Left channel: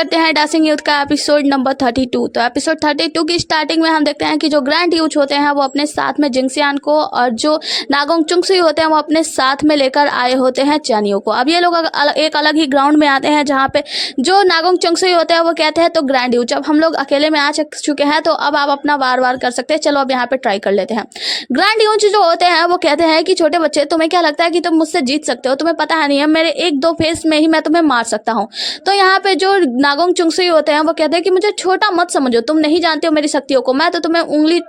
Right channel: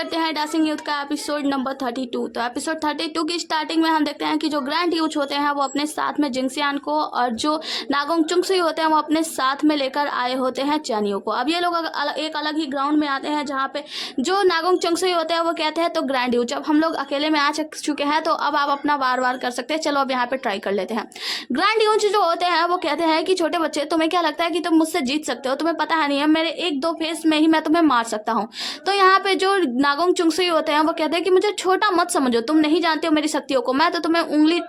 करते हैं dancing youth का एपिसोड नंबर 32। तो एपिसोड 32 की स्टार्टिंग में हम देखते हैं कि जो ग्रैंड यूथ होते हैं वो अपने साथ में जिंगसियान को और जो नागोंग चुंगसुई होते हैं वो अपने साथ में लेकर आए होते हैं चानियो को। अब ये लोग एक अलग ही ग्राउंड में आते हैं जहाँ पे जो नागोंग चुंगसुई होते हैं वो कहते हैं तो ग्रैंड यूथ जब हम लोग अकेले में आ चुके हैं तो अब आप अपना वार वार कर सकते हैं, चलो अब यहाँ पे ट्राई कर लेते हैं। ग्रैंड यूथ जो होते हैं वो कहते हैं कि छोटे बच्चे तुम्हें क्या लगता है कि तुम मुझसे जीत सकते हो, तुम्हें पता है नहीं है मेरे एक दो फेस में ही मैं तुम्हें मार सकता हूँ। तो यहाँ पे जो नागोंग चुंगसुई होते हैं वो कहते हैं कि मुझे छोटा मत समझो, तुम नहीं जानते हो मेरी शक्तियों को, मैं तो तुम्हें उंगली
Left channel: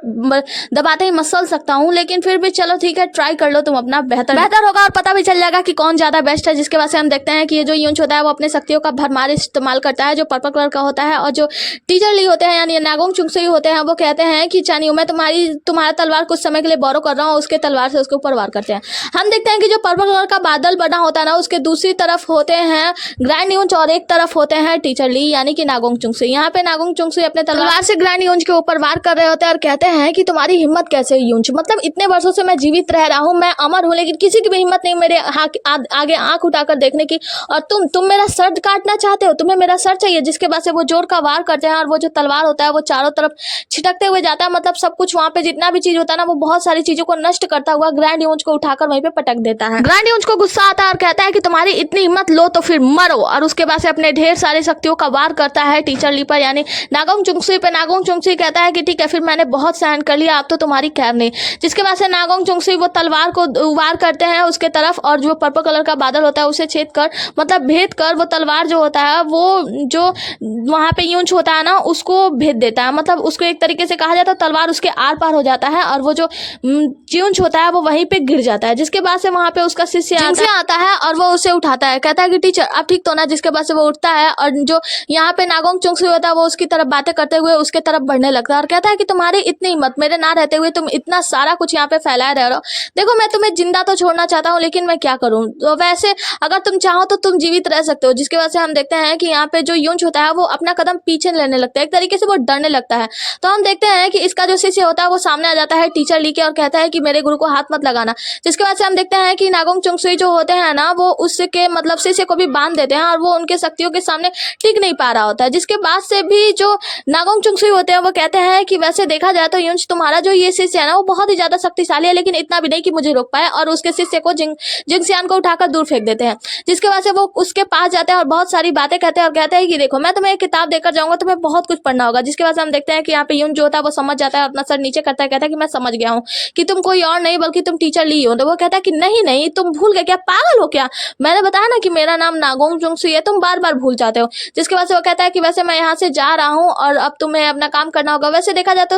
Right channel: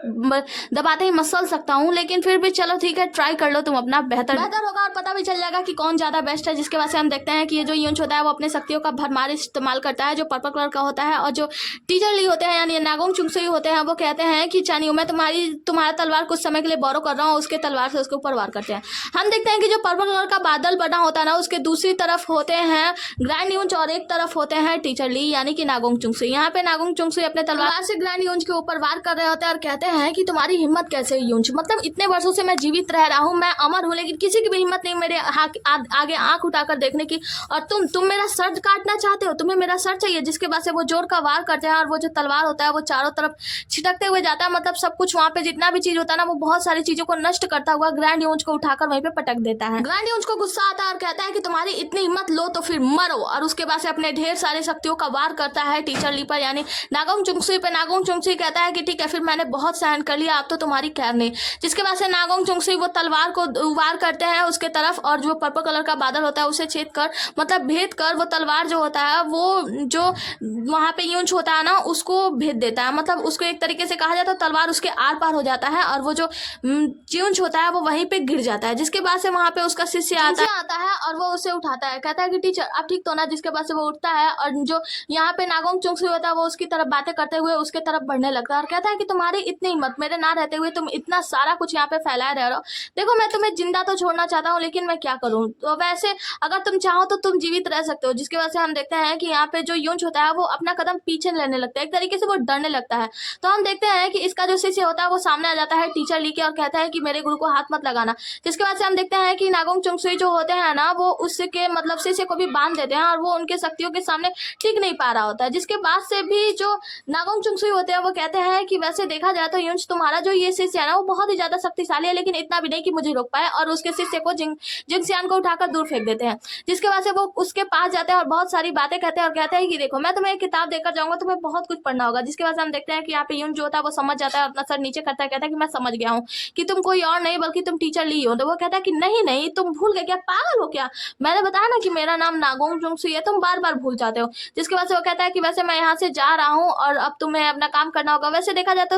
दबाते ही मसल सकता हूँ, लेकिन फिर भी चलो ठीक है ट्राई कर लो, तुम अपना बेहतर होगा और पता भी चल जाएगा कि कौन ज्यादा बेस्ट है। जिसके बाद से हम देखते हैं कि ये जो यूंच होता है वो अपने शक्तियों का भरमार इस्तेमाल करता है जो पर्पल कलर का होता है, और जो टीचर ली होते हैं यानी नागोंग चुंगसुई होते हैं वो कहते हैं कि चानियो मैं तुम्हारा तलवार कुछ समय के लिए बोरो कर रहा हूँ, उसके तलवार से उसके ऊपर वार करते हैं। हम देखते हैं कि जो पर्पल कलर का बादल बना होता है ना उसके दूसरी तरफ होते हैं ग्रैंड यूंच और एक तरफ होते हैं टीचर ली यानी कि नागोंग चुंगसुई। यहाँ पे नागोंग चुंगसुई अपने तलवार से ग्रैंड यूंच के ऊपर वार कर रहे होते हैं और कहते हैं कि तुम्हारी हिम्मत कैसे यूंच, मतलब इतने वर्षों से मैं जीवित रह रहा हूँ, मैं अमर हूँ, लेकिन किसी की भी हिम्मत नहीं मेरे आगे आंख उठाकर देखने की, और तुम मेरा सर काटना चाहते हो, तुम्हें मेरा सर चाहिए। जिसके बाद से वो जोर का वार करते हैं और वो जो तलवार होता है वो चारों तरफ छिटकते हुए जाता है, मतलब सब कुछ वहां पे जितना भी चीज होता है ना वो बहुत सारी चीजों को नष्ट करता हुआ ग्रैंड यूंच को उठाकर वहीं पे पटक देता है। ग्रैंड यूंच को गुस्सा आता है और कहता है कि तुम्हारी इतनी हिम्मत लो तो फिर मरो, और उसके बाद से अपने ढेर सारे शक्तियों का वार करता है टीचर ली पर यानी नागोंग चुंगसुई पे। नागोंग चुंगसुई कहता है कि ठीक है फिर मैंने बहुत सहन कर लिया, अब तो तुम्हारी खैर नहीं। जिसके बाद से नागोंग चुंगसुई वो तलवार को वार करते हैं उसके तरफ, और जो पर्पल कलर का बादल होता है उसे छेद कर मतलब भेद कर वो तलवार जो होता है वो जो वहां पे यूंच होता है ना उसको भेद देता है, मतलब उसको एक तरीके से कहा जाता है तलवार उसके आर पार हो जाता है और वो जो यूंच होता है वो वहीं पे गिर जाता है। जिसके बाद से वहां पे उसका शिष्य आता है और वो उसे उठाता है, कहता है कि टीचर अब ठीक तो ना। जिसके बाद से वो उठता है और जो यहाँ पे नागोंग चुंगसुई होता है वो उसकी तरफ बातें करते हुए उसके तरफ बढ़ने लगता है और कहता है कि तुम्हारी इतनी हिम्मत, मेरे ना रहते हुए तुम इतना सारा कुछ यहाँ पे फैलाए रह रहे हो, देखो मैं तुम्हें जिंदा तो छोड़ना चाहता हूँ लेकिन मैं क्या करूँ, तो वैसे अगर तुम चाहो तो तुम जीवित रह सकते हो। जिसके बाद से हम देखते हैं कि यहाँ पे जो यूंच होता है वो अपना कदम पीछे लेने लगता है, एक तरीके से वो डरने लगता है। तो हम देखते हैं कि इसका जो शिष्य होता है वो सामने आ जाता है टीचर ली के और कहता है कि मेरे गुरु को हाथ मत लगाना। जिसके बाद से हम देखते हैं कि नागोंग चुंगसुई जो होते हैं ना वो उसके मतलब शिष्य को भी बांध देते हैं और वो उनके शक्तियों के सामने टिक नहीं पा रहा होता है। जिसके बाद से भी जो नागोंग चुंगसुई होते हैं वो कहते हैं कि वैसे देखा जाए तो यूंच तुम्हारा जो ये शिष्य है ना वो बहुत ही ज्यादा शक्तिशाली है, लेकिन इतना भी नहीं कि मुझे रोक पाए, और उसके शिष्य को जिंगसियान को उठाकर दूर फेंक देते हैं। जिसके बाद से वो उसके पास जाते हैं और बहुत सारी बातें कहते हैं और कहते हैं कि देखो मैं तुम्हें एक किताब देकर जाऊंगा, तुम्हें बहुत कुछ पढ़ना होगा। जिसके बाद से हम देखते हैं कि यहाँ पे यूंच जो होता है वो समझ जाता है, अपना सर नीचे करता है, कहता है कि मैं समझ गया हूँ कि तुम कोई और नहीं बल्कि तुम टीचर ली हो। तो वो कहता है कि नहीं नहीं तुम भूल गए क्या, पागल हो क्या, मैंने बताया ना कि मेरा नाम नागोंग चुंगसुई है, तुम बार बार भूल जाते हो। जिसके बाद से वो कहता है कि वैसे मैं यहाँ से जा रहा हूँ और अब तुम्हें अपना काम करना होगा। वैसे देखा जाए तो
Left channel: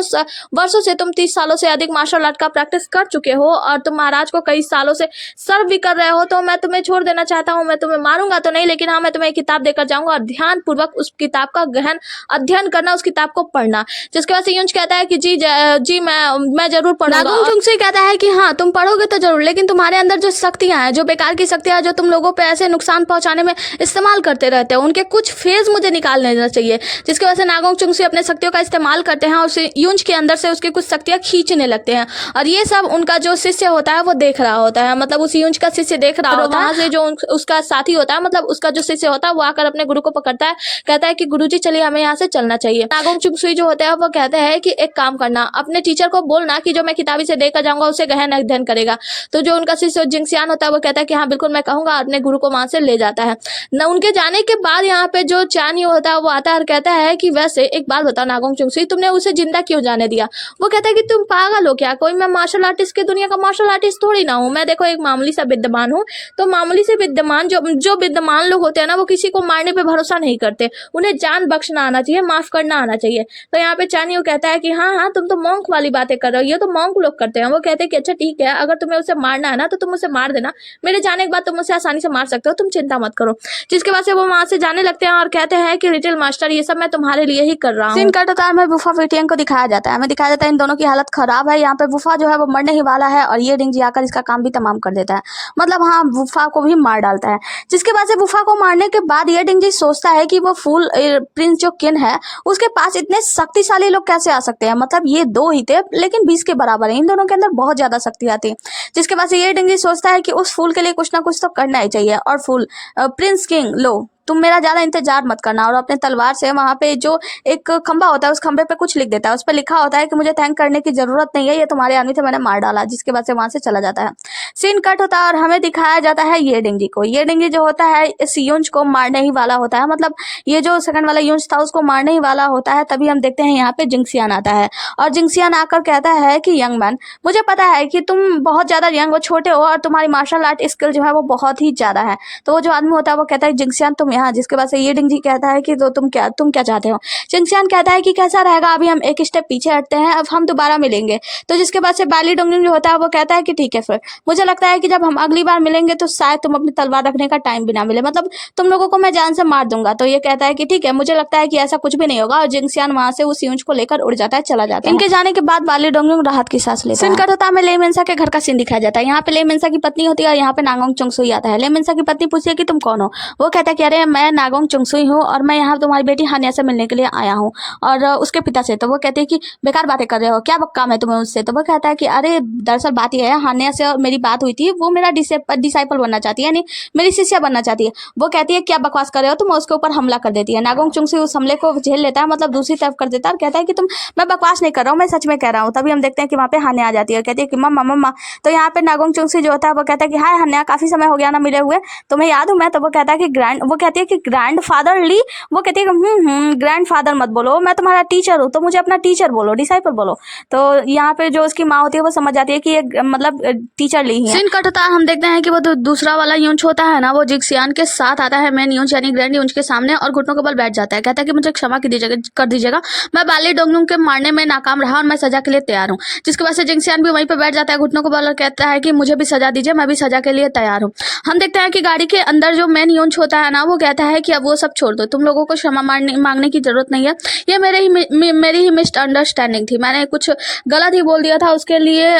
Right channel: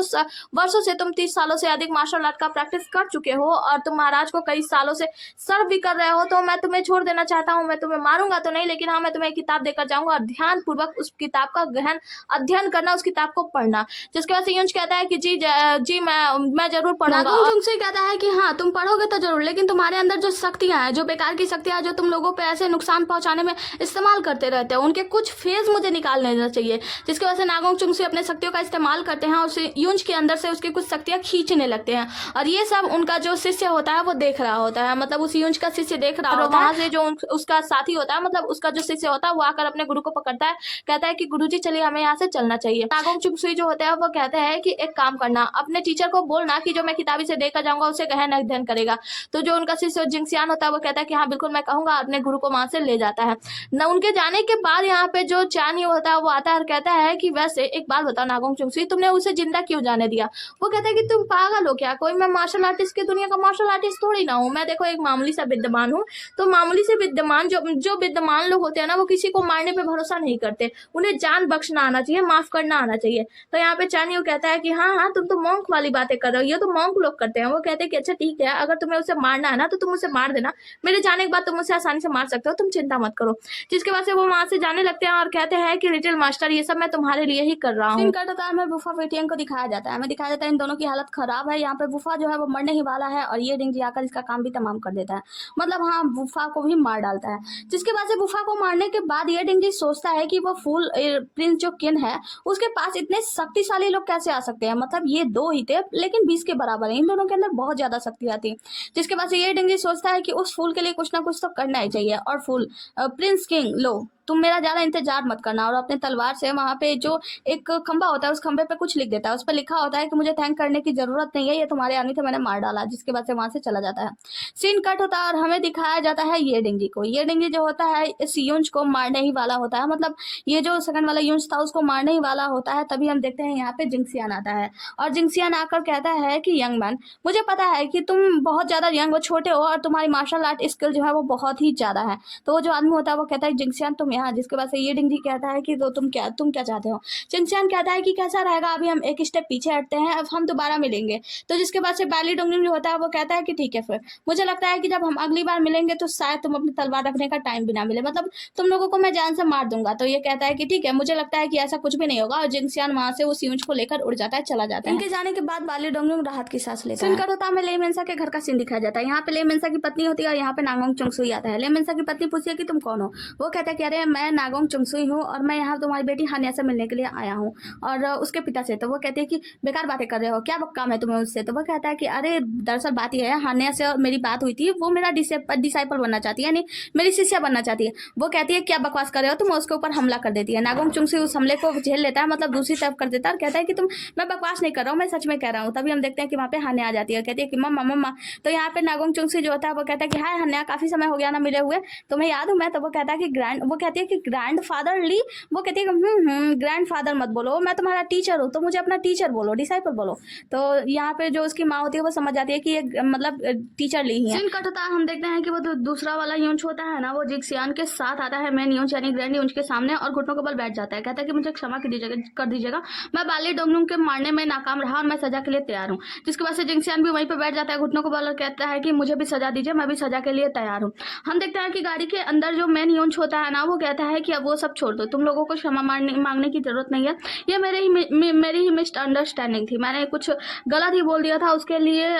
वर्षों से तुम 30 सालों से अधिक मार्शल आर्ट का प्रैक्टिस कर चुके हो और तुम महाराज को कई सालों से सर्व भी कर रहे हो, तो मैं तुम्हें छोड़ देना चाहता हूँ। मैं तुम्हें मारूंगा तो नहीं, लेकिन हाँ मैं तुम्हें एक किताब देकर जाऊंगा और ध्यान पूर्वक उस किताब का गहन अध्ययन करना, उस किताब को पढ़ना। जिसके बाद से यूंच कहता है कि जी मैं जरूर पढ़ूंगा। नागोंग चुंगसुई कहता है कि हाँ तुम पढ़ोगे तो जरूर, लेकिन तुम्हारे अंदर जो शक्तियां हैं, जो बेकार की शक्तियां जो तुम लोगों पे ऐसे नुकसान पहुंचाने में इस्तेमाल करते रहते हो, उनके कुछ फेज मुझे निकाल लेना चाहिए। जिसकी वजह से नागोंग चुंगसुई अपने शक्तियों का इस्तेमाल करते हैं और उसे यूंच के अंदर से उसकी कुछ शक्तियां खींचने लगते हैं, और ये सब उनका जो शिष्य होता है वो देख रहा होता है, मतलब उस यूंच का शिष्य देख रहा होता है। वहां से जो उसका साथी होता है मतलब उसका जो शिष्य होता है वो आकर अपने गुरु को पकड़ता है, कहता है कि गुरुजी चलिए हमें यहाँ से चलना चाहिए। नागोंग चुंगसुई जो होता है वो कहते हैं कि एक काम करना, अपने टीचर को बोलना कि जो मैं किताबी से देकर जाऊंगा उसे गहन अध्ययन करेगा। तो जो उनका शिष्य जिंगसियान होता है वो कहता है कि हाँ बिल्कुल मैं कहूंगा, अपने गुरु को वहां से ले जाता है। न उनके जाने के बाद यहाँ पे जो चानियो होता है वो आता है और कहता है कि वैसे एक बात बता नागोंग चुंगसुई, तुमने उसे जिंदा क्यों जाने दिया। वो कहता है कि तुम पागल हो क्या, कोई मैं मार्शल आर्टिस्ट की दुनिया का मार्शल आर्टिस्ट थोड़ी ना हूँ, मैं देखो एक मामूली सा विद्वान हूँ। तो मामूली से विद्वान जो विद्वान लोग होते हैं ना वो किसी को मारने पे भरोसा नहीं करते, उन्हें जान बख्शना आना चाहिए, माफ करना आना चाहिए। तो यहाँ पे चानियो कहता है कि हाँ तुम तो मॉन्क वाली बातें कर रहे हो, ये तो मॉन्क लोग करते हैं। वो कहते हैं कि अच्छा ठीक है, अगर तुम्हें उसे मारना है ना तो तुम उसे मार देना, मेरे जाने के बाद तुम उसे आसानी से मार सकते हो, तुम चिंता मत करो। जिसके बाद से वो वहां से जाने लगते हैं और कहते हैं कि लिटिल मास्टर ये सब मैं तुम्हारे लिए ही कर रहा हूँ। सीन कटता है, वुफा वेटियन को दिखाया जाता है, हमें दिखाया जाता है इन दोनों की हालत खराब है। यहाँ पे वुफा जो है वो मरने ही वाला है और ये डिंगजी आकर इसका काम भी तमाम कर देता है, मतलब हाँ वुफा को भी मार डालता है। जिसके बाद से वुफा को मारने के बाद ये डिंगजी सोचता है कि वो फुल प्रिंस जो किन है उसके पास इतने शक्तिशाली लोग कैसे आ सकते हैं, मतलब ये दो ही थे लेकिन 20 के बराबर है, इन दोनों के अंदर बहुत ज्यादा शक्ति आती है। जिसके बाद से ये डिंगजी सोचता है कि उस फूल के लिए कुछ ना कुछ तो करना ही चाहिए, और फूल प्रिंस किंग लो तुम मेरा ज़्यादा इंतजार मत करना। और अपने तलवार से वहाँ पे जो एक खंबा होता है उस खंबे पे कुछ लिख देता है। उस पर लिखा होता है कि मुझे थैंक करने की ज़रूरत नहीं है, ये तुम्हारे आदमी थे, मैंने मार डाला। जिसके बाद से वहाँ से चला जाता है। सीन कट होता है और हमें दिखाया जाता है ये डिंगी को। ये डिंगी जो होता है इस यूंज को मारने ही वाला होता है, मतलब ये जो सेकंड वाला यूंज था उसको मारने ही वाला होता है। तभी हम देखते हैं यहाँ पे जिंक्सियान आता है और जिंक्सियान आकर कहता है कि यंग मैन, मुझे पता है कि तुम बहुत ज़्यादा यंग हो, छोटे हो और तुम्हारी मार्शल आर्ट स्किल जो है वो बहुत ही ज़्यादा है। तो वो जो आदमी होता है वो कहता है जिंक्सियान तुम यहाँ। जिसके बाद से ये डिंगी कहता है कि तो तुम क्या चाहते हो। जिंक्सियान कहता है कि कैसा रहेगा, अभी हम एक स्टेप पीछे हटते हैं, अब हम दोबारा मिलेंगे। तो जिसके बाद से बाली डोंगलिंग जो होता है वो कहता है कि ठीक है, फिर मुझे लगता है कि जब हम अगली बार मिलेंगे तो शायद तुम अपनी तलवार रखने का टाइम भी ना मिले, मतलब तुम लोगों को मैं जान से मार दूंगा। तो ये कहता है कि ठीक है, मुझे लगता है कि ऐसा कुछ भी नहीं होगा। और जिंक्सियान वहां से उस यूंज को लेकर उड़ जाता है, चला जाता है। इनके जाने के बाद बाली डोंगलिंग राहत की सांस लेता है। सीन कट होता है, हमें ले मेंसा के घर का सीन दिखाया जाता है। यहाँ पे ले मेंसा की पत्नी होती है और यहाँ पे नागोंग चुंगसुई आता है। ले मेंसा की पत्नी पूछती है कि तुम कौन हो। वो कहता है कि अरे मैं नागोंग चुंगसुई हूँ और मैं यहाँ तुम्हारी बेटी हानिया से मिलने के लिए आया हूँ और उसके पिता से। तो वो कहते हैं कि बेकार बातें कर रहे हो, क्या काम है तुम्हें उससे। तो वो कहता है कि अरे दरअसल बात यह है, हानिया से मेरी बात हुई थी, वो मेरा डिसाइपल बनना चाहती है, यानी मेरी शिष्या बनना चाहती है। वो कहती है क्या बकवास कर रहे हो तुम, उसके ऊपर हमला कर देती है। नागोंग चुंगसुई उस हमले को झेल लेता है, मतलब दूसरी तरफ कर देता है और कहता है कि मैं बकवास नहीं कर रहा हूँ, मैं सच में कह रहा हूँ। तभी हम देखते हैं कि वहाँ पे हानिया आ जाती है, कहती है कि मम्मा मम्मा। तो यहाँ पे नागोंग चुंगसुई जो होता है वो कहता है कि हाय हानिया, काफी समय हो गया ना मिले हुए, तुम्हें याद हूँ मैं। तो वो कहता है कि वो कहती है कि ग्रैंड फादर ली। वो कहती है कि ग्रैंड फादर मत बोलो, मैं तुम्हारा टीचर हूँ, तो मुझे अपना टीचर बोलो, डिसाइपल बोलो। तो यहाँ पे जो उसकी माँ होती है वो समझ जाती है कि ये मतलब टीचर ली है। सीन कट होता है, हम देखते हैं कि वो दूसरा वाला यूंज होता है ना, वो जिंक्सियान के साथ आता है मेन यूंज यानी ग्रैंड यूंज के सामने और घुटनों के बल बैठ जाता है। कहता है कि मुझे क्षमा कर दीजिएगा, मैं बाली डोंगलिंग के मारने में नाकाम रहा और मैं सजा के लिए तैयार हूँ। जिसके बाद से जिंक्सियान भी वहीं पे बैठ जाता है घुटनों के बल और कहता है कि मुझे भी सजा दीजिए, मैं भी सजा के लिए तैयार हूँ। हम देखते हैं कि गाड़ी के अंदर जो मेन यूंज होता है ना वो कहता है कि अब वो सब छोड़ दो, तुम लोगों को क्षमा मांगने की जरूरत नहीं है, ये मेरी ही मिसअंडरस्टैंडिंग थी, मैंने कुछ गलत ही बोल दिया था, उसके लिए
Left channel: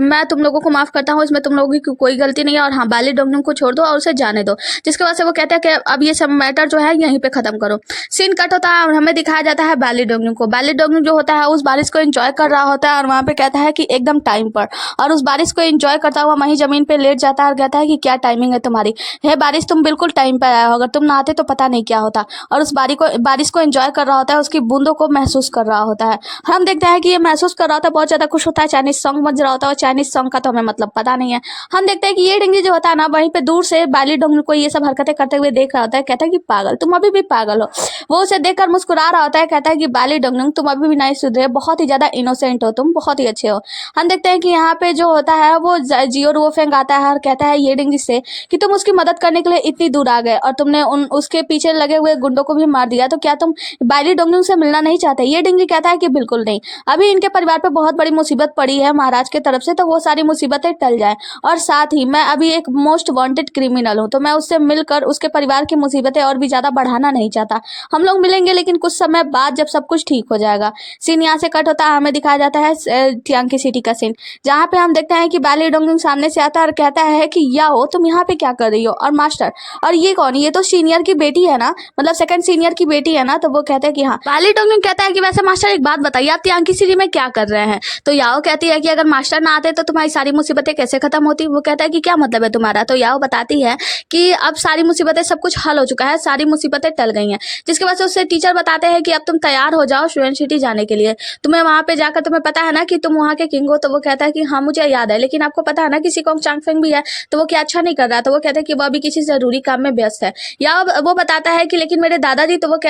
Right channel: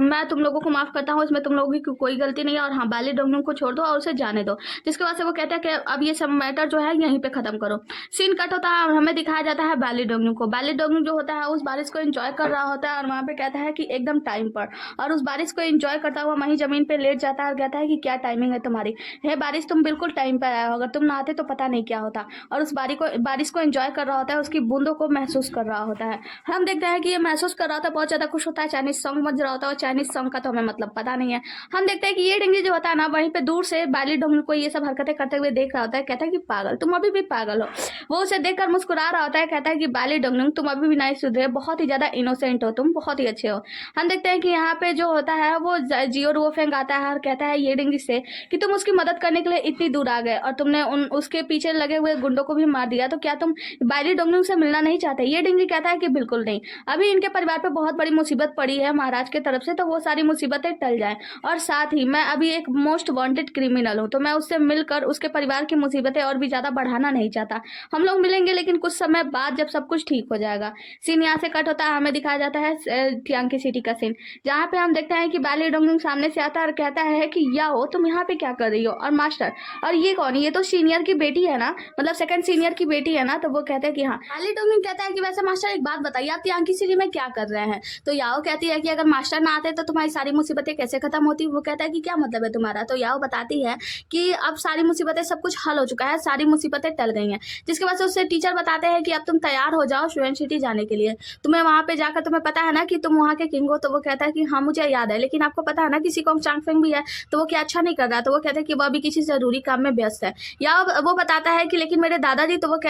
मैं तुम लोगों को माफ करता हूँ, इसमें तुम लोगों की कोई गलती नहीं है। और हाँ, बाली डोंगलिंग को छोड़ दो और उसे जाने दो। जिसके बाद से वो कहता है कि अब ये सब मैटर जो है यहीं पे खत्म करो। सीन कट होता है और हमें दिखाया जाता है बाली डोंगलिंग को। बाली डोंगलिंग जो होता है उस बारिश को एंजॉय कर रहा होता है और वहाँ पे कहता है कि एकदम टाइम पर, और उस बारिश को एंजॉय करता हुआ वहीं जमीन पे लेट जाता है और कहता है कि क्या टाइमिंग है तुम्हारी, हे बारिश तुम बिल्कुल टाइम पर आया हो, अगर तुम नहाते तो पता नहीं क्या होता। और उस बारिश को एंजॉय कर रहा होता है, उसकी बूंदों को महसूस कर रहा होता है। हम देखते हैं कि ये महसूस कर रहा होता है, बहुत ज़्यादा खुश होता है, चाइनीज सॉन्ग बज रहा होता है और चाइनीज सॉन्ग का तो हमें मतलब पता नहीं है। हम देखते हैं कि ये डिंगी जो होता है ना वहीं पे दूर से बाली डोंगलिंग को ये सब हरकतें करते हुए देख रहा होता है, कहता है कि पागल, तुम अभी भी पागल हो। वो उसे देखकर मुस्कुरा रहा होता है, कहता है कि बाली डोंगलिंग तुम अभी भी नहीं सुधरे, बहुत ही ज़्यादा इनोसेंट हो, तुम बहुत ही अच्छे हो। हम देखते हैं कि यहाँ पे जो होता है वो जियो रुओफेंग आता है और कहता है ये डिंगी से कि तुम उसकी मदद करने के लिए इतनी दूर आ गए और तुमने उसके पीछे लगे हुए गुंडों को भी मार दिया, तो क्या तुम बाली डोंगलिंग से मिलना नहीं चाहते। ये डिंगी कहता है कि बिल्कुल नहीं, अभी इनके परिवार पे बहुत बड़ी मुसीबत पड़ी है महाराज की तरफ से, तो वो सारी मुसीबतें टल जाए, और साथ ही मैं अभी एक मोस्ट वांटेड क्रिमिनल हूँ, तो मैं उससे मिलकर उसके परिवार की मुसीबतें और भी ज़्यादा बढ़ाना नहीं चाहता। हम लोग मिलेंगे लेकिन कुछ समय बाद जब सब कुछ ठीक हो जाएगा। सीन यहाँ से कट होता है, हमें दिखाया जाता है थियांकी सिटी का सीन, जहाँ पे हम देखते हैं कि बाली डोंगलिंग सामने से आता है और कहता है कि याओ तुम यहाँ पे क्या कर रही हो, और मास्टर और ये कौन, ये तो सीनियर की बेटी है ना, मतलब सेकंड सीनियर की बेटी है ना। तो वो कहते हैं कि हाँ। बाली डोंगलिंग कहता है कि वैसे मास्टर एक बात बताइए, आप थियांकी सिटी में क्या कर रहे हैं। तो याओ कहती है कि अगर मास्टर ना आते तो तुम्हारी सारी मुसीबतें कैसे खत्म होती। वो कहता है कि क्या मतलब है तुम्हारा। तो याओ बताती है कि अब सारी मुसीबतें, सब कुछ हल हो चुका है, सारी मुसीबतें टल गई हैं। जिसके बाद से उससे टीचर बताते हैं कि अब तुम तैयार हो जाओ स्टूडेंट सिटी जाने के लिए, तुम्हें वहाँ पे जाकर तुम्हें पता है ना कि तुम वहाँ के किंग हो। तो वो कहता है कि हाँ मुझे याद है, लेकिन आपको पता है ना कि सिकोंग चांगफेंग भी है, तो वो क्या अच्छा नहीं कर रहा। तो वो कहते हैं कि वो अभी किसी जरूरी काम में व्यस्त है। या वो बताता है कि लेकिन मेरे दादाजी, तो वो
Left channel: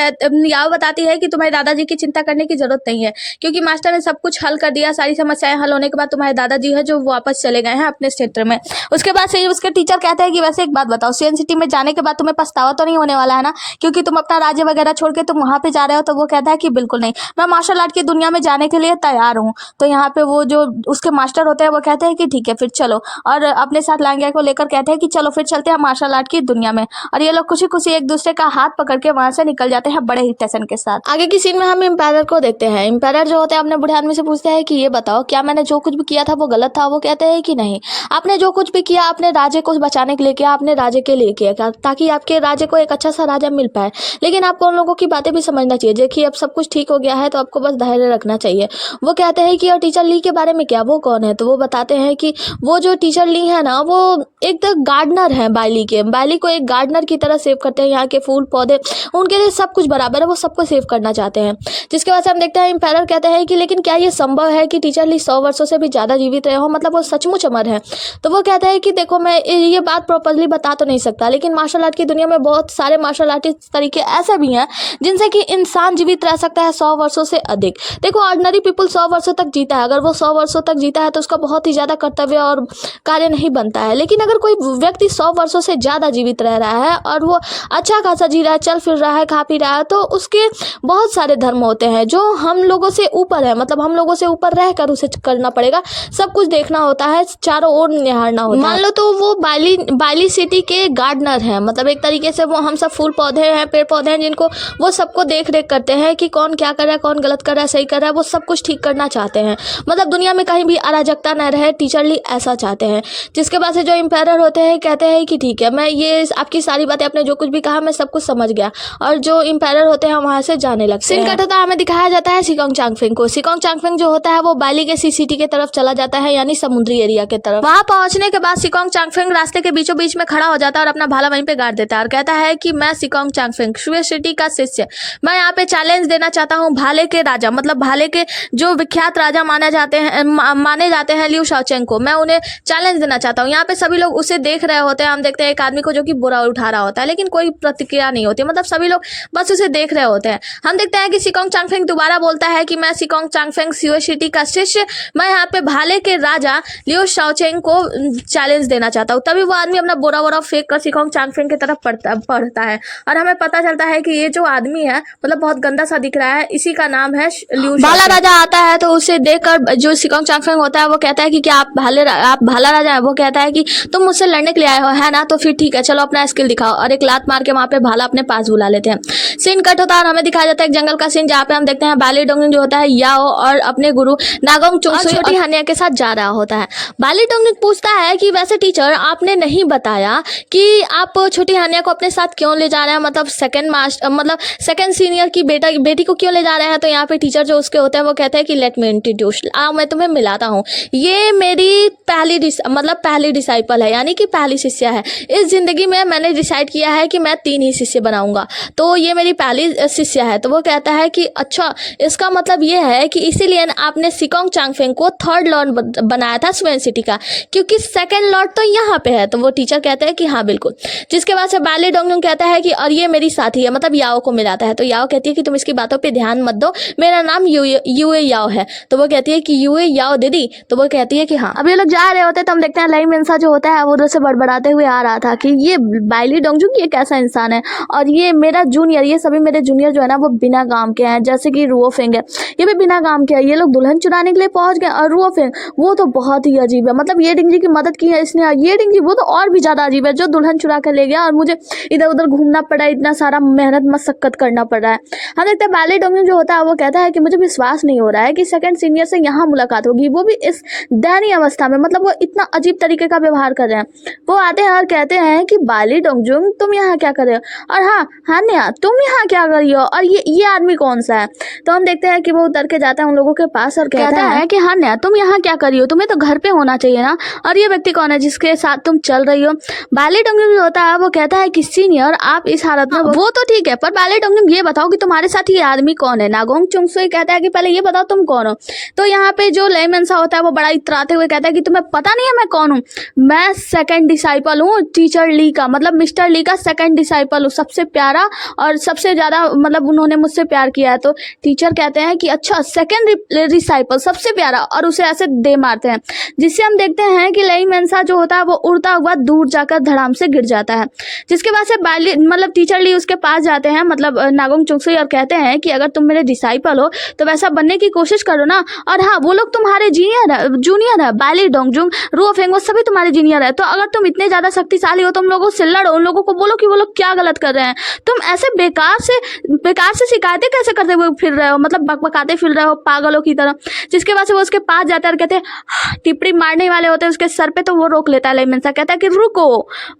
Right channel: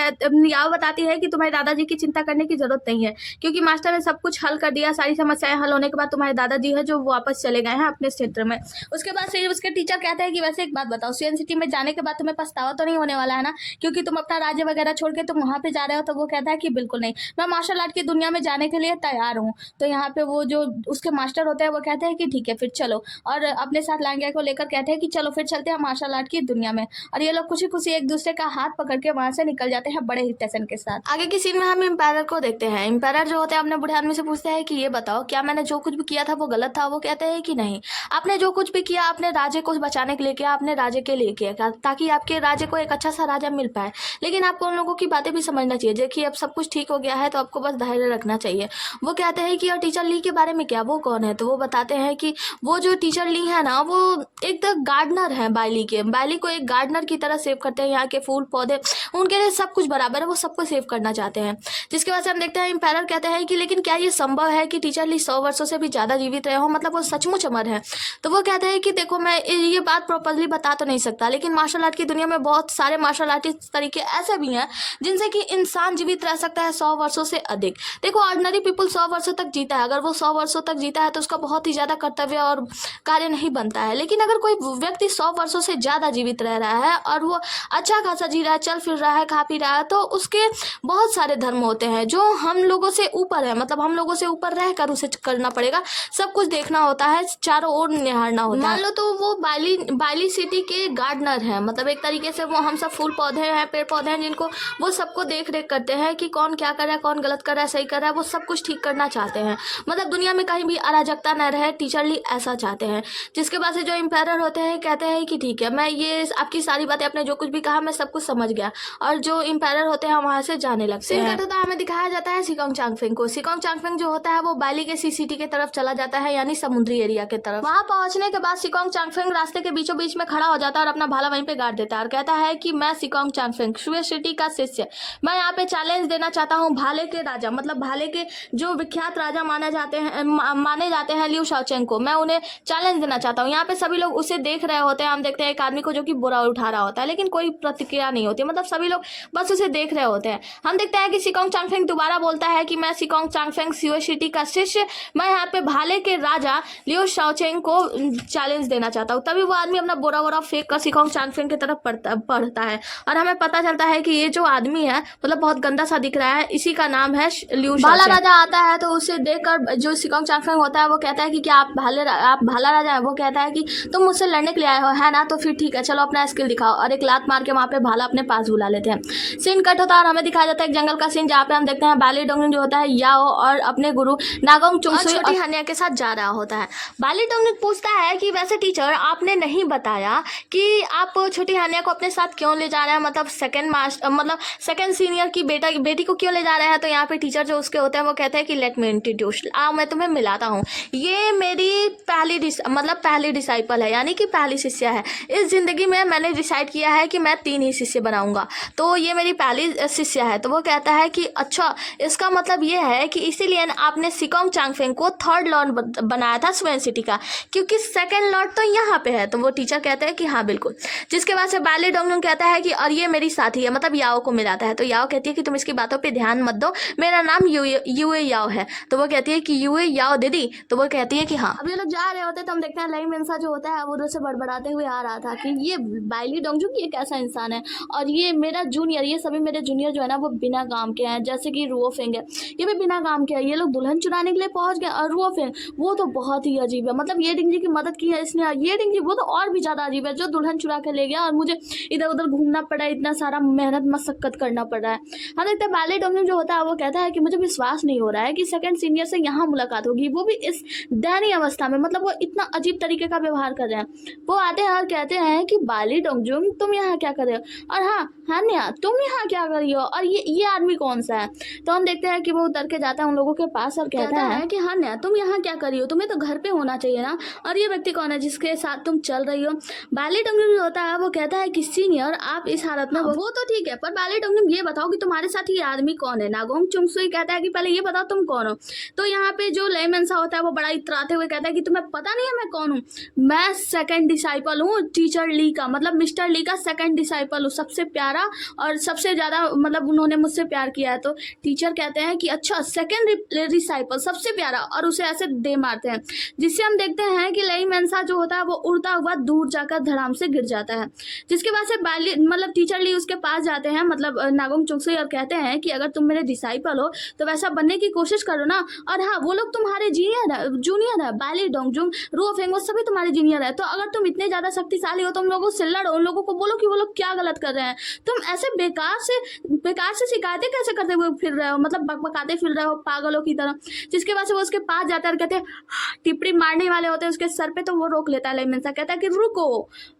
याओ बताती है कि तुम्हारे दादाजी की चिंता करने की जरूरत नहीं है, क्योंकि मास्टर ने सब कुछ हल कर दिया, सारी समस्याएं हल होने के बाद तुम्हारे दादाजी है जो वापस चले गए हैं अपने क्षेत्र में। उसके बाद से उसके टीचर कहते हैं कि वैसे एक बात बताओ, सीएन सिटी में जाने के बाद तुम्हें पछतावा तो नहीं होने वाला है ना, क्योंकि तुम अपना राज्य वगैरह छोड़ के तुम वहाँ पे जा रहे हो। तो वो कहता है कि बिल्कुल नहीं, मैं मार्शल आर्ट की दुनिया में जाने के लिए तैयार हूँ। तो यहाँ पे वो जो उसके मास्टर होते हैं वो कहते हैं कि ठीक है फिर चलो, और अपने साथ लांगिया को लेकर कहते हैं कि चलो फिर चलते हैं मार्शल आर्ट की दुनिया में। और ये लोग खुशी खुशी एक दूसरे का हाथ पकड़ के वहाँ से निकल जाते हैं बड़े ही टेंशन के साथ। आगे की सीन में हम एम्पायर को देखते हैं। एम्पायर जो होते हैं अपने बूढ़े आदमी से पूछते हैं कि ये बताओ क्या मैंने जो कुछ भी किया था वो गलत था। वो कहते हैं कि नहीं, आपने जो कुछ भी किया अपने राज्य को बचाने के लिए किया, अपने राज्य के लिए किया, ताकि आपके राज्य को एक अच्छा सा राजा मिल पाए। लेकिन आपको उन लोगों की बातें भी समझना चाहिए। देखिए अब सब कुछ ठीक हो गया है तो आपको बस धैर्य रखना चाहिए। वो कहते हैं कि और टीचर ली के बारे में क्या, वो कौन है। तो वो बताते हैं कि वो जो टीचर ली है ना वो एक गार्डनर है, बाइली को एक गार्डनर की तरह सेव करते हैं, यहाँ के फूल पौधे उनके लिए सब कुछ बराबर है, वो सबको सेव करना चाहते हैं। जिसके बाद से हम देखते हैं एम्पायर कहते हैं कि लेकिन क्या ये संभव है कि टीचर ली 100 वर्षों से भी ज़्यादा जीवित रहे हो, मतलब वो सचमुच अमर है। तो वो कहता है कि देखो मैं ये बात प्रॉपरली बता तो नहीं सकता, लेकिन मार्शल आर्ट की दुनिया में बहुत सारे मार्शल आर्टिस्ट तरीके ऐसे भी हैं जिनसे कि इंसान जीवित रह सकता है 100 वर्षों से अधिक। देखो ऑर्डिनरी पीपल 100 वर्षों तक जीता है, अगर वो 100 वर्षों तक जीता है तो उसका बहुत ही ज़्यादा कर्तव्य और कार्य नहीं बनता है। लेकिन अगर कोई व्यक्ति 100 वर्षों से ज़्यादा जीवित रह रहा है और वो अच्छा खासा जी रहा है, चल फिर रहा है, खा पी रहा है, तो उसके बहुत सारे धर्म होते हैं जो हम लोगों से ऊपर है, मतलब हम लोगों से ऊपर रहकर उसे करना पड़ेगा, सब कुछ देखना होता है, चारों ओर निहारना होता है। मान लो तो वो बाली सिटी के गार्डनर हैं, मतलब एक तरीके से वो हम सब फूल पौधे हैं, पेड़ पौधे हैं, जिनको वो सबको देख रेख करते हैं कि कौन क्या कर रहा है, कौन गलत कर रहा है, सही कर रहा है, वो सब कुछ ठीक करना चाहते हैं। मतलब दुनिया में कहीं भी अराजकता न रहे, टीचर ली ऐसा चाहते हैं। जिसके बाद से जो एम्पायर होते हैं कहते हैं कि ठीक है, मैं ये आपकी सारी बातें, आपने जो कुछ भी कहा मैं सब कुछ समझ गया, और जो एम्पायर होते हैं वहाँ से जाने लगते हैं। सीन कट होता है, हमें दिखाया जाता है सिकोंग चांगफेंग को। सिकोंग चांगफेंग जो होता है वो बाली के सीसिटी की तरफ चला जाता है, यानी समुद्री एरिया की तरफ। वहाँ पहुंचने के बाद सिकोंग चांगफेंग रास्ते के बीचों बीच में खड़ा हो जाता है और अपना भाला वहीं पे गाड़ देता है और कहता है कि मैं सिकोंग चांगफेंग शुए सिटी का शिष्य, मैं यहाँ पे चैलेंज देना चाहता हूँ भाले के राजा, मतलब भाले के जो विख्यात राजा माने जाते हैं लियू शाओचेंग को, मैं उन्हें चैलेंज देना चाहता हूँ। यहाँ पे सभी लोग उसे देख रहे होते हैं, हम देखते हैं एक आदमी को जो कि बुरा उठा रहा होता है, लेकिन कोई प्रतिक्रिया नहीं होती, मतलब सभी लोग बस उसे देख रहे होते हैं। हम देखते हैं कि सिकोंग चांगफेंग दोबारा बोलता है कि मैं सिकोंग चांगफेंग शुए सिटी का शिष्य, मैं यहाँ पे भाले के राजा लियू शाओचेंग को चैलेंज देना चाहता हूँ। तभी वो आदमी अपना बोरा फेंक कर सिकोंग चांगफेंग की तरफ पढ़ता है और हमें पता चलता है कि ये जो आदमी है मतलब बहुत गंदा सा दिख रहा है, इसी का नाम है लियू। भाला राजा आता है तो उसे देखकर जो सिकोंग चांगफेंग होता है वो कहता है कि क्या आप भाला राजा है? वो कहता है कि तुम मुझसे लड़ने के लिए आए हो है ना, तो फिर ठीक है चलो अपना स्किल दिखाओ, और एक लात मार के वहाँ पे भाला अपने पास बुला लेते हैं। सीन कट होता है और हमें दिखाया जाता है एक जंगल का सीन, जहाँ पे हम देखते हैं बाली डोंगिंग जो होता है याओ और अपने गुरु नागोंग चुंगसुई छोटी हानिया के साथ जा रहा होता है। बाली डोंगिंग पूछता है कि वैसे टीचर आपने नहीं बताया कि आप छोटी हानिया को अपने साथ क्यों ले जा रहे हैं, मतलब सेकंड सीनियर की बेटी को क्यों ले जा रहे हैं? तो यहाँ पे टीचर जो उसके होते हैं वो कहते हैं कि लेट मी इंट्रोड्यूस, मैं तुम्हें मिलाता हूँ, ये मेरी पहली डिसाइपल है, यानी कि पहली शिष्या है। इस जिंदगी में मैंने डिसाइड किया है कि मैं 3 ही शिष्य बनाऊंगा, तो ये मेरी पहली शिष्या है। तो वो कहता है कि अच्छा, इसका मतलब ये है कि इसीलिए आपने सिकोंग चांगफेंग को 3rd लॉर्ड बनाया था स्वेन सिटी का, क्योंकि 2nd लॉर्ड तो यहाँ पे है। तो वो टीचर कहते हैं कि हाँ बिल्कुल। जिसके बाद से बाली डोंगलुंग कहता है कि और ये मेरी साथी है, मतलब याओ को मिलाता है। तो याओ कहती है कि तुम इसकी बातों पे ध्यान मत दो, मेरा नाम यूए याओ है। तो वो कहती है कि यूए याओ दीदी? तो वो कहती है कि हाँ। अब ये लोग जा रहे होते हैं तो हम देखते हैं लाई मिन्सा जो होता है वो उधर से बड़बड़ाते हुए आ रहा था कि ये बाली डोंगजुंग ये कैसा इंसान है, और ये मेरा जूनियर, ये सभी मेरे जूनियर जो है ना वो बिना काम के हैं, जैसे कि रुओफेंग है, ये भी बिना काम के है। ये लोग दुल्हन चुराने के लिए पहुंच गए, और रुओफेंग वो तो बहुत ही अजीब है, मतलब ये डिंगजी की मदद की है इसने, ये डिंगजी वो तो और भी ज्यादा अजीब है, जो दुल्हन चुरा कर ले गया और मुझे इधर उधर घूमना पड़ा, इतना सारा मेहनत मशक्कत करना पड़ रहा है। हम देखते हैं बाली डोंगजुंग जो होता है वो कहता है कि मुझे विश्वास नहीं हो रहा है कि 2nd सीनियर से यहाँ मुलाकात होगी, वो भी इस दयनीय अवस्था में, मतलब वो इतना अजीब तरीके का व्यवहार कर रहे हैं। वो आते हैं और कहते हैं कि बाली डोंगजुंग तुम यहाँ क्या कर रहे हो, और हाँ हान्या तुम यहाँ क्या कर रही हो, और ये आदमी कौन सा है? तो हम देखते हैं कि वो उतर के जाता है उन लोगों के पास और कहता है कि हान्या तुम यहाँ क्या कर रही हो, तुम्हें तो घर पे होना चाहिए ना, और ये व्यक्ति कौन है जिसके साथ तुम चल रही हो? बाली डोंगजुंग जो होता है वो कहता है कि सीनियर आप इस हालत में, वो तो ठीक है, पर बाली डोंगजुंग ये बताओ कि तुम्हारे साथ ये आदमी कौन है? नागोंग चुंगसुई कहता है कि पहले ये बताओ तुम कौन हो। तो यहाँ पे जो लाई मिन्सा होता है वो बड़ा इतराते हुए कहता है कि तुम्हें पता नहीं है मैं कौन हूँ? मैं 2nd डिसाइपल हूँ टीचर ली का, मतलब मिस्टर ली का 2nd डिसाइपल हूँ, सबसे प्यारा और सबसे ज्यादा, मतलब उन्होंने मुझसे प्यार किया है। तो टीचर कहते हैं कि अच्छा 2nd डिसाइपल सबसे प्यारा, और उसे ऐसे दे मारते हैं, जिससे हम देखते हैं कि लाई मिन्सा जो होता है वो उड़ता हुआ दूर जाकर धड़ाम से गिर जाता है। जिसके बाद से बाली मतलब टीचर ली उसके पास जाते हैं, मतलब नागोंग चुंगसुई, और कहते हैं कि अगर तुम मेरे डिसाइपल हो तो वैसा बनने की कोशिश करो ना, और हाँ वो लोग तुम्हारे जूनियर है, बाली डोंगजुंग रुओफेंग वो सभी तुम्हारे जूनियर है। तो अगर तुम इतने ज्यादा शक्तिशाली हो तुम लोगों से लड़ो, उन लोगों को बोलो कि वो लोग क्या गलत कर रहे हैं, तुम ऐसे बेकार से शिकायतें कैसे करते हुए फिर रहे हो, मतलब बकबकाते फिर रहे हो पागलों की तरह। जिसके बाद से वो उसके पास जाता है और कहते हैं टिप्पणी मारने वाले होते हैं उसके सर पे, तो वो रोक लेता है लाई मिन्सा, कहता है कि रुको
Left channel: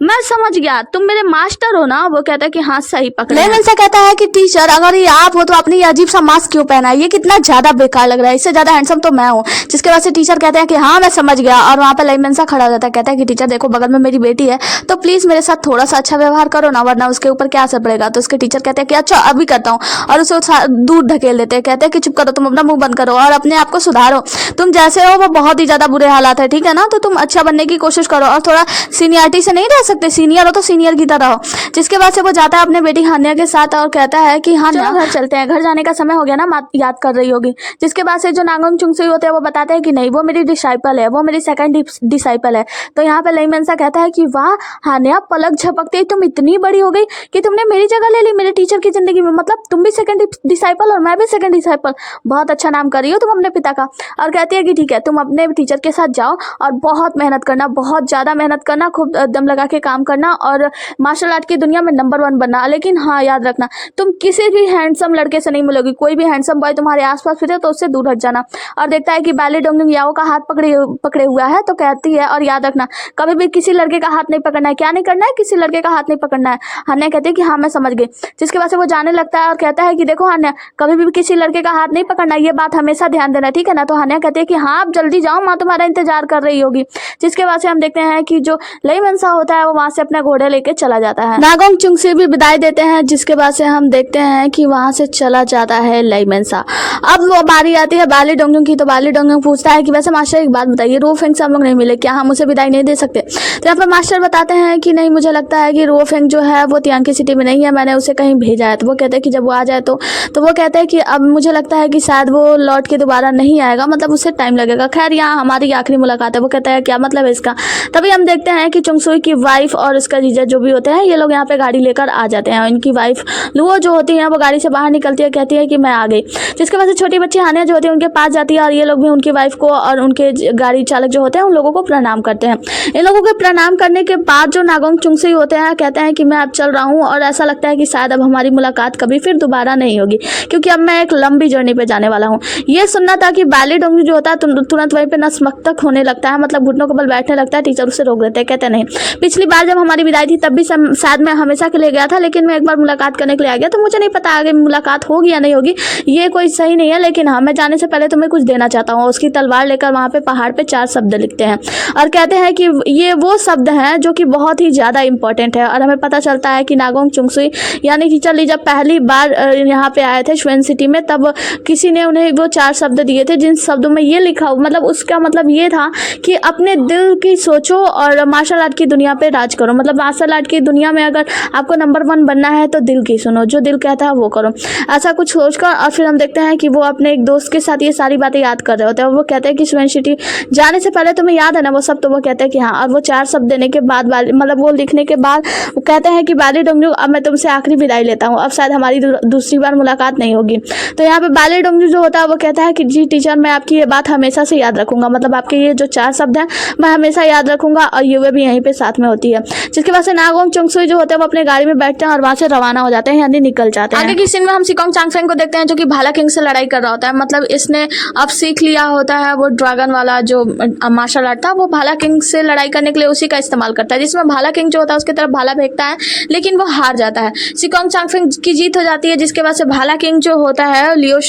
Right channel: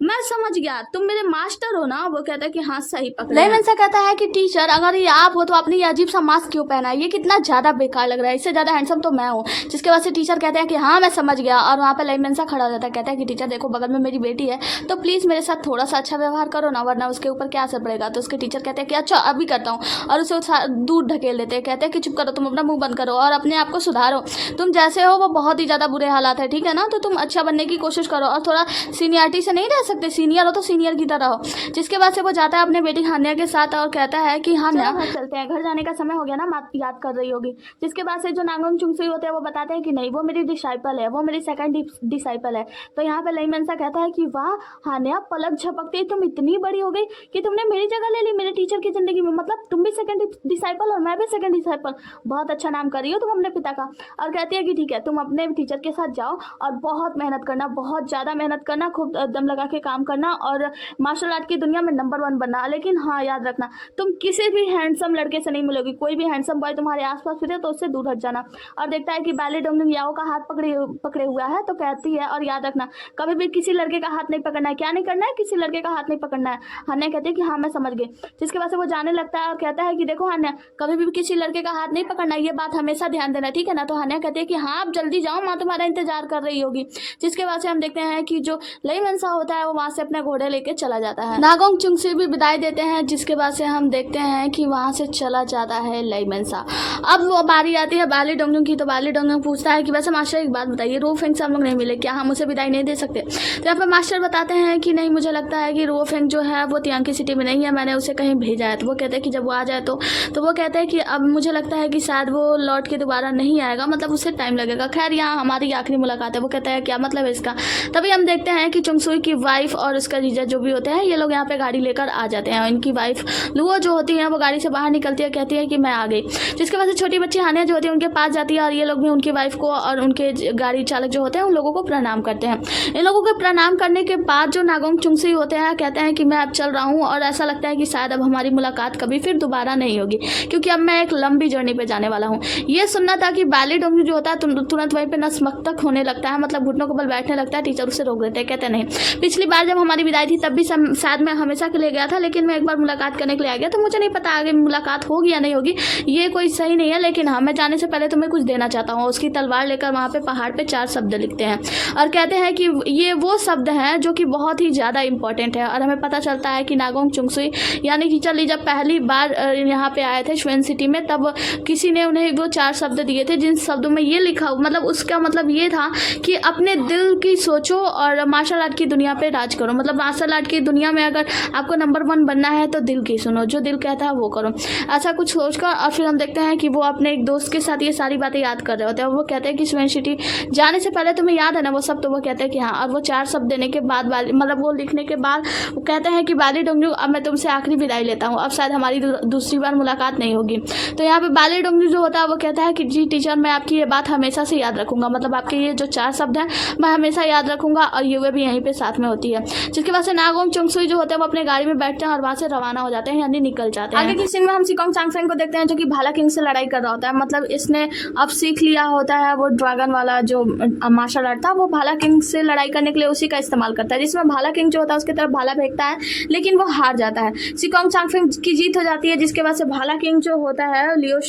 मैं समझ गया तुम मेरे मास्टर हो ना? वो कहता है कि हाँ सही पकड़े। लाई मिन्सा कहता है कि टीचर अगर ये आप हो तो आपने ये अजीब सा मास्क क्यों पहना है, ये कितना ज्यादा बेकार लग रहा है, इससे ज्यादा हैंडसम तो मैं हूँ। जिसके बाद से टीचर कहते हैं कि हाँ मैं समझ गया, और वहाँ पर लाई मिन्सा खड़ा हो जाता है, कहता है कि टीचर देखो बगल में मेरी बेटी है तो प्लीज मेरे साथ थोड़ा सा अच्छा व्यवहार करो ना, वरना उसके ऊपर क्या असर पड़ेगा। तो उसके टीचर कहते हैं कि अच्छा अभी करता हूँ, और उसे दूर धकेल देते हैं। कहते हैं कि चुप करो, तुम अपना मुंह बंद करो और अपने आप को सुधारो, तुम जैसे हो वो बहुत ही ज्यादा बुरे हालात है, ठीक है ना। तो तुम अच्छा बनने की कोशिश करो और थोड़ा सीनियरिटी से नहीं रह सकते, सीनियर हो तो सीनियर की तरह हो। जिसके बाद से वो जाता है अपने बेटी हान्या के साथ और कहता है कि हाँ घर चलते हैं, घर जाने का समय हो गया ना, याद कर रही होगी। जिसके बाद से जो नागोंग चुंगसुई होते हैं वो बताते हैं कि नहीं, वो मेरी डिसाइपल है, वो मेरी सेकंड डिसाइपल है। तो यहाँ पे लई मेंसा कहता है कि वाह हान्या, पलक झपकते ही तुम इतनी बड़ी हो गई कि तुमने मेरी जगह ले ली मेरे टीचर की जिंदगी में। मतलब तुम भी सेकंड डिसाइपल और मैं भी सेकंड डिसाइपल, बहुत अच्छा नाम कर रही हो तुम अपने पिता का। और कहती है कि ठीक है, तुम अपने टीचर के साथ जाओ और बहुत मेहनत करना, बहुत ज़्यादा मेहनत करना, खूब दम लगा के काम करना और मार्शल आर्ट की दुनिया में नंबर 1 बनना। लेकिन हाँ याद रखना, तुम किसी भी हैंडसम लड़के से नहीं मिलोगी, कोई भी हैंडसम बॉय तुम्हारे आसपास फिरे तो उससे दूर हट जाना। और देखता है कि बैली डोंगलिंग याओ का हाथ पकड़े हुआ है, तो कहती है और याद रखना कभी भी किसी लड़के का हाथ नहीं पकड़ना है। क्या नहीं करना है? किसी लड़के का हाथ नहीं पकड़ना है। हान्या कहती है कि हाँ मैं समझ गई। जिसके बाद से वो जाने लगता है और कहता है कि देखो हान्या, कभी भी किसी लड़के का हाथ नहीं पकड़ना, ये बात हमेशा ध्यान देना, ठीक है ना। तो हान्या कहती है कि हाँ आप जल्दी जाओ, माँ तुम्हारा इंतजार कर रही होगी। जिसके बाद से हम देखते हैं कि जो लई मेंसा होता है वो वहां से अपना घोड़े लेके चला जाता है। नागोंग चुंगसुई भी विदाई देते हैं। जिसके बाद से हम देखते हैं कि वहां से चला जाता है लई मेंसा। अब वो बारी आती है बाली डोंगलिंग की। तो बाली डोंगलिंग पूछता है कि वैसे मास्टर एक बात बताइए, रो फेंग से हम लोग नहीं मिले, क्या हम उसे विदाई नहीं दे सकते? तो यहाँ पर मास्टर बताते हैं कि नहीं, मुझे लगता है कि रो फेंग जो है वो तियांकी सिटी में नहीं है, मैंने उसे कहीं भेजा है। तो वो कहते हैं कि जब वो आ जाए तो वो कहते हैं कि अब मुझे लगता है कि शायद वो लौट के दोबारा नहीं आएगा, मतलब उससे टाइम लगेगा। खैर यहाँ हमारी आखिरी मुलाकात है। वो कहता है क्या मतलब है इसका? तभी हम देखते हैं कि चुंगसुई की वाइफ और उसका जीजा जो भी होते हैं, ये लोग यहाँ पे गाड़ी लेकर आ जाते हैं। इनकी वाइफ लुओ जो होती है वो गाड़ी से बाहर निकलती है, कहती है कि मैं आ गई। जिसके बाद से छोटी बच्ची हान्या जो होती है उनके पास जाती है और ये लोग भी उनकी वाइफ को और उनके गाड़ी चालक जो होते हैं उन लोगों को प्रणाम करते हैं। इन लोगों के प्रणाम करने के बाद जो नागोंग चुंगसुई होते हैं कहते हैं कि मैं अब चल रहा हूँ और ऐसा लगता है कि शायद अब हमारी मुलाकात कभी फिर दोबारा नहीं होगी, क्योंकि अब मैं एक लंबी जर्नी पे जाने वाला हूँ। ये सुनना था कि बैली डोंगली जो होता है तुरंत वहीं पे नसमस्तक होने लगता है, मतलब घुटनों के बल बैठने लगता है। टीचर उसे रोक देते हैं, कहते नहीं, पिछली बार जब हमारी विदाई थी तब भी शायद मैं हमेशा के लिए गया था, लेकिन मैं एक बार मुलाकात करने के लिए आ गया, तो मुझे नहीं पता आगे मुलाकात होगी या नहीं होगी, ये कोई सही नहीं है। लेकिन हाँ, मैं जाने से पहले तुम्हें कुछ देना चाहता हूँ। उसकी तलवार लेकर वहाँ पे पहाड़ पे 4 शब्द लिखते हैं और कहते हैं कि ये वो शब्द हैं जो कि बहुत ही ज़्यादा इंपॉर्टेंट है। और हमें पता चलता है कि नागोंग चुंगसुई यानी टीचर ली जब पहली बार यहाँ पे आए थे श्वेन सिटी में, तब किसी ने उन्हें वो 4 शब्द दिए थे, जिन शब्दों में ये लिखा, मतलब उसका मतलब ये था कि अपने दिल की सोचो और मार्शल आर्ट की दुनिया पे राज करो। मतलब मार्शल आर्ट की दुनिया में अगर आपको नंबर 1 बनना है तो दिल की सुनो, जो दिल कहता है वो करो, ऐसा कुछ सोचकर। और फिर हम देखते हैं कि वो अपने एक दोस्त के साथ ये सारी बातें याद कर रहे होते हैं। वो कहते हैं कि श्वेन सिटी जाने से पहले तुम्हें याद है ना वो सब? तो वो कहते हैं कि हाँ। और वो 4 शब्द देने के बाद मतलब वो लिखने के बाद वो कहते हैं कि बैली डोंगली अब मैं तुमसे आखिरी विदाई लेता हूँ, अब शायद हमारी दूसरी बार मुलाकात नहीं होगी। तो यहाँ पे बैली डोंगली जो होता है वो कहता है कि जी टीचर, मैं आपकी ये बात हमेशा से याद रखूंगा, मतलब आपके ये जो 4 शब्द हैं मैं हमेशा याद रखूंगा। और युवे भी यहीं पे साथ में होती है। जिसके बाद से नागोंग चुंगसुई जो होते हैं वो अपने गाड़ी में बैठते हैं और वहां से रवाना हो जाते हैं, यानी निकल जाते हैं। आगे की सीन में हम सिकोंग चांगफेंग को देखते हैं जो कि भाला किंग से लड़ाई कर रहा होता है। मतलब इसने अब सीख लिया होता है वो ड्रैगन वाला जो मार्शल आर्ट था, वो भाला किंग से लड़ाई करने के लिए उसी का इस्तेमाल करता है, जिसमें भाला किंग जो होता है उसकी तरफ भाला फेंकता है, लेकिन वो हार जाता है। सिकोंग चांगफेंग की जीत हो जाती है। जिसके बाद से भाला किंग जो होता है लियो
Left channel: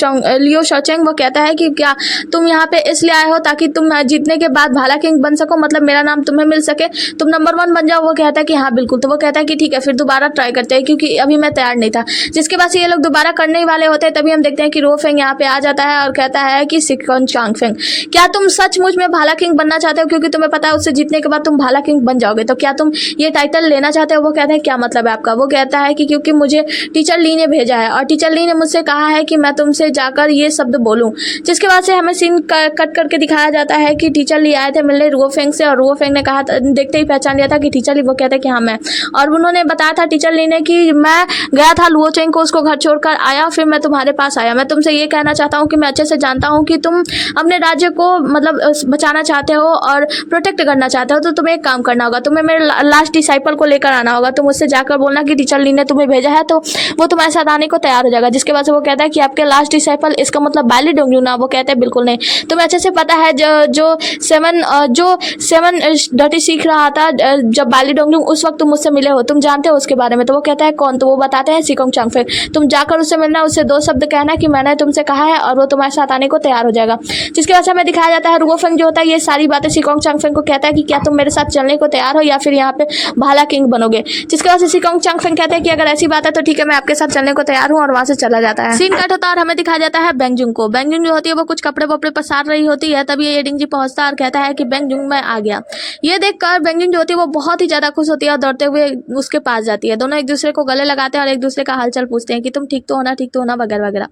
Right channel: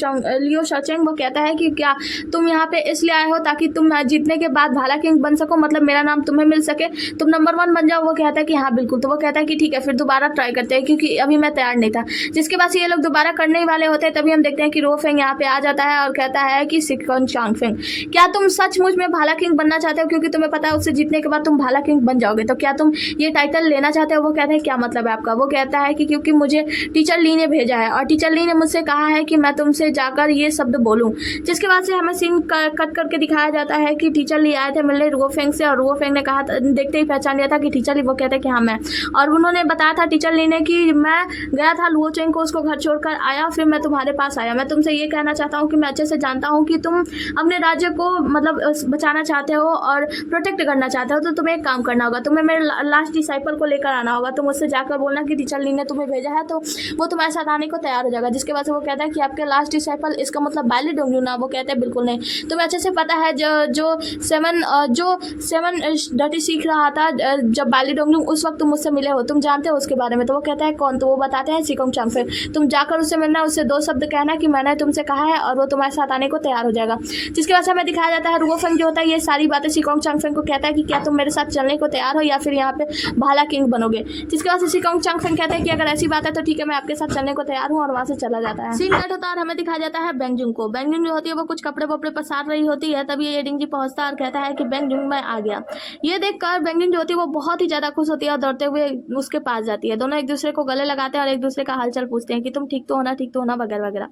शाओचेंग, वो कहता है कि क्या तुम यहाँ पे इसलिए आए हो ताकि तुम जीतने के बाद भाला किंग बन सको, मतलब मेरा नाम तुम्हें मिल सके, तुम नंबर 1 बन जाओ? वो कहता है कि हाँ बिल्कुल। तो वो कहता है कि ठीक है फिर दोबारा ट्राई करते हैं, क्योंकि अभी मैं तैयार नहीं था। जिसके बाद से ये लोग दोबारा करने ही वाले होते हैं, तभी हम देखते हैं कि रो फेंग यहाँ पे आ जाता है और कहता है कि सिकोंग चांगफेंग, क्या तुम सचमुच में भाला किंग बनना चाहते हो? क्योंकि तुम्हें पता है उससे जीतने के बाद तुम भाला किंग बन जाओगे, तो क्या तुम ये टाइटल लेना चाहते हो? वो कहते हैं क्या मतलब है आपका? वो कहता है कि क्योंकि मुझे टीचर ली ने भेजा है और टीचर ली ने मुझसे कहा है कि मैं तुमसे जाकर ये शब्द बोलूं। जिसके बाद से हमें सीन कट करके दिखाया जाता है कि टीचर ली आए थे मिलने रुओ फेंग से, और रुओ फेंग ने कहा, देखते ही पहचान लिया था कि टीचर ली। वो कहते हैं कि हाँ मैं, और उन्होंने बताया था टीचर ली ने कि मैं गया था लुओ चेंग को उसको घर छोड़कर आया, फिर मैं तुम्हारे पास आया। मैं तुमसे ये कहना चाहता हूँ कि मैं अच्छे से जानता हूँ कि तुम अपने राज्य को मतलब बचाना चाहते हो और प्रोटेक्ट करना चाहते हो, तो तुम्हें एक काम करना होगा, तुम्हें मेरे लास्ट डिसाइपल को लेकर आना होगा। तुम उससे जाकर बोलना कि टीचर ली ने तुम्हें भेजा है, तो वो तुम्हारे साथ आने को तैयार हो जाएगा। जिसके बाद से वो कहता है कि आपके लास्ट डिसाइपल, इसका मतलब बैली डोंगली ना? वो कहते हैं बिल्कुल नहीं, तुम्हें अच्छे से पता है जो सेवन डटी सीख रहा था जब बैली डोंगली, उस वक्त तुम मुझसे मिले हो, तुम जानते हो उसके बारे में? तो वो कहता है कौन? तो वो बताते हैं सिकोंग चांगफेंग। तुम जाकर उससे मिलना, उससे 2 शब्द कहना कि मैंने तुमसे कहा है, और वो तुम्हारे साथ आने को तैयार हो जाएगा। जिसके बाद से हमें दिखाया जाता है रुओ फेंग जो होता है ये सारी बातें सिकोंग चांगफेंग को कहता है कि क्या तुम मेरे साथ चलने को तैयार हो या फिर यहाँ पे भाला किंग बनोगे? जिसके बाद सिकोंग चांगफेंग कहते हैं कि अगर ऐसी बात है तो ठीक है, मैं आपके साथ चलने को तैयार हूँ, और वहां से चला जाता है। सीन कट होता है और हमें दिखाया जाता है बेंगजुंग को। बेंगजुंग जो होती है वो कुछ कपड़े वपड़े पसार रही होती है, तभी ये डिंगजी पहुंचता है और कहता है कि बेंगजुंग मैं आ गया। ये देखकर बेंगजुंग जो होती है वो बहुत ही ज्यादा खुश होती है और दौड़ते हुए उसके पास जाती है। दोनों एक दूसरे को गले लगाते हैं और एक दूसरे का हालचाल पूछते हैं कि तुम ठीक तो होना वगैरह वगैरह।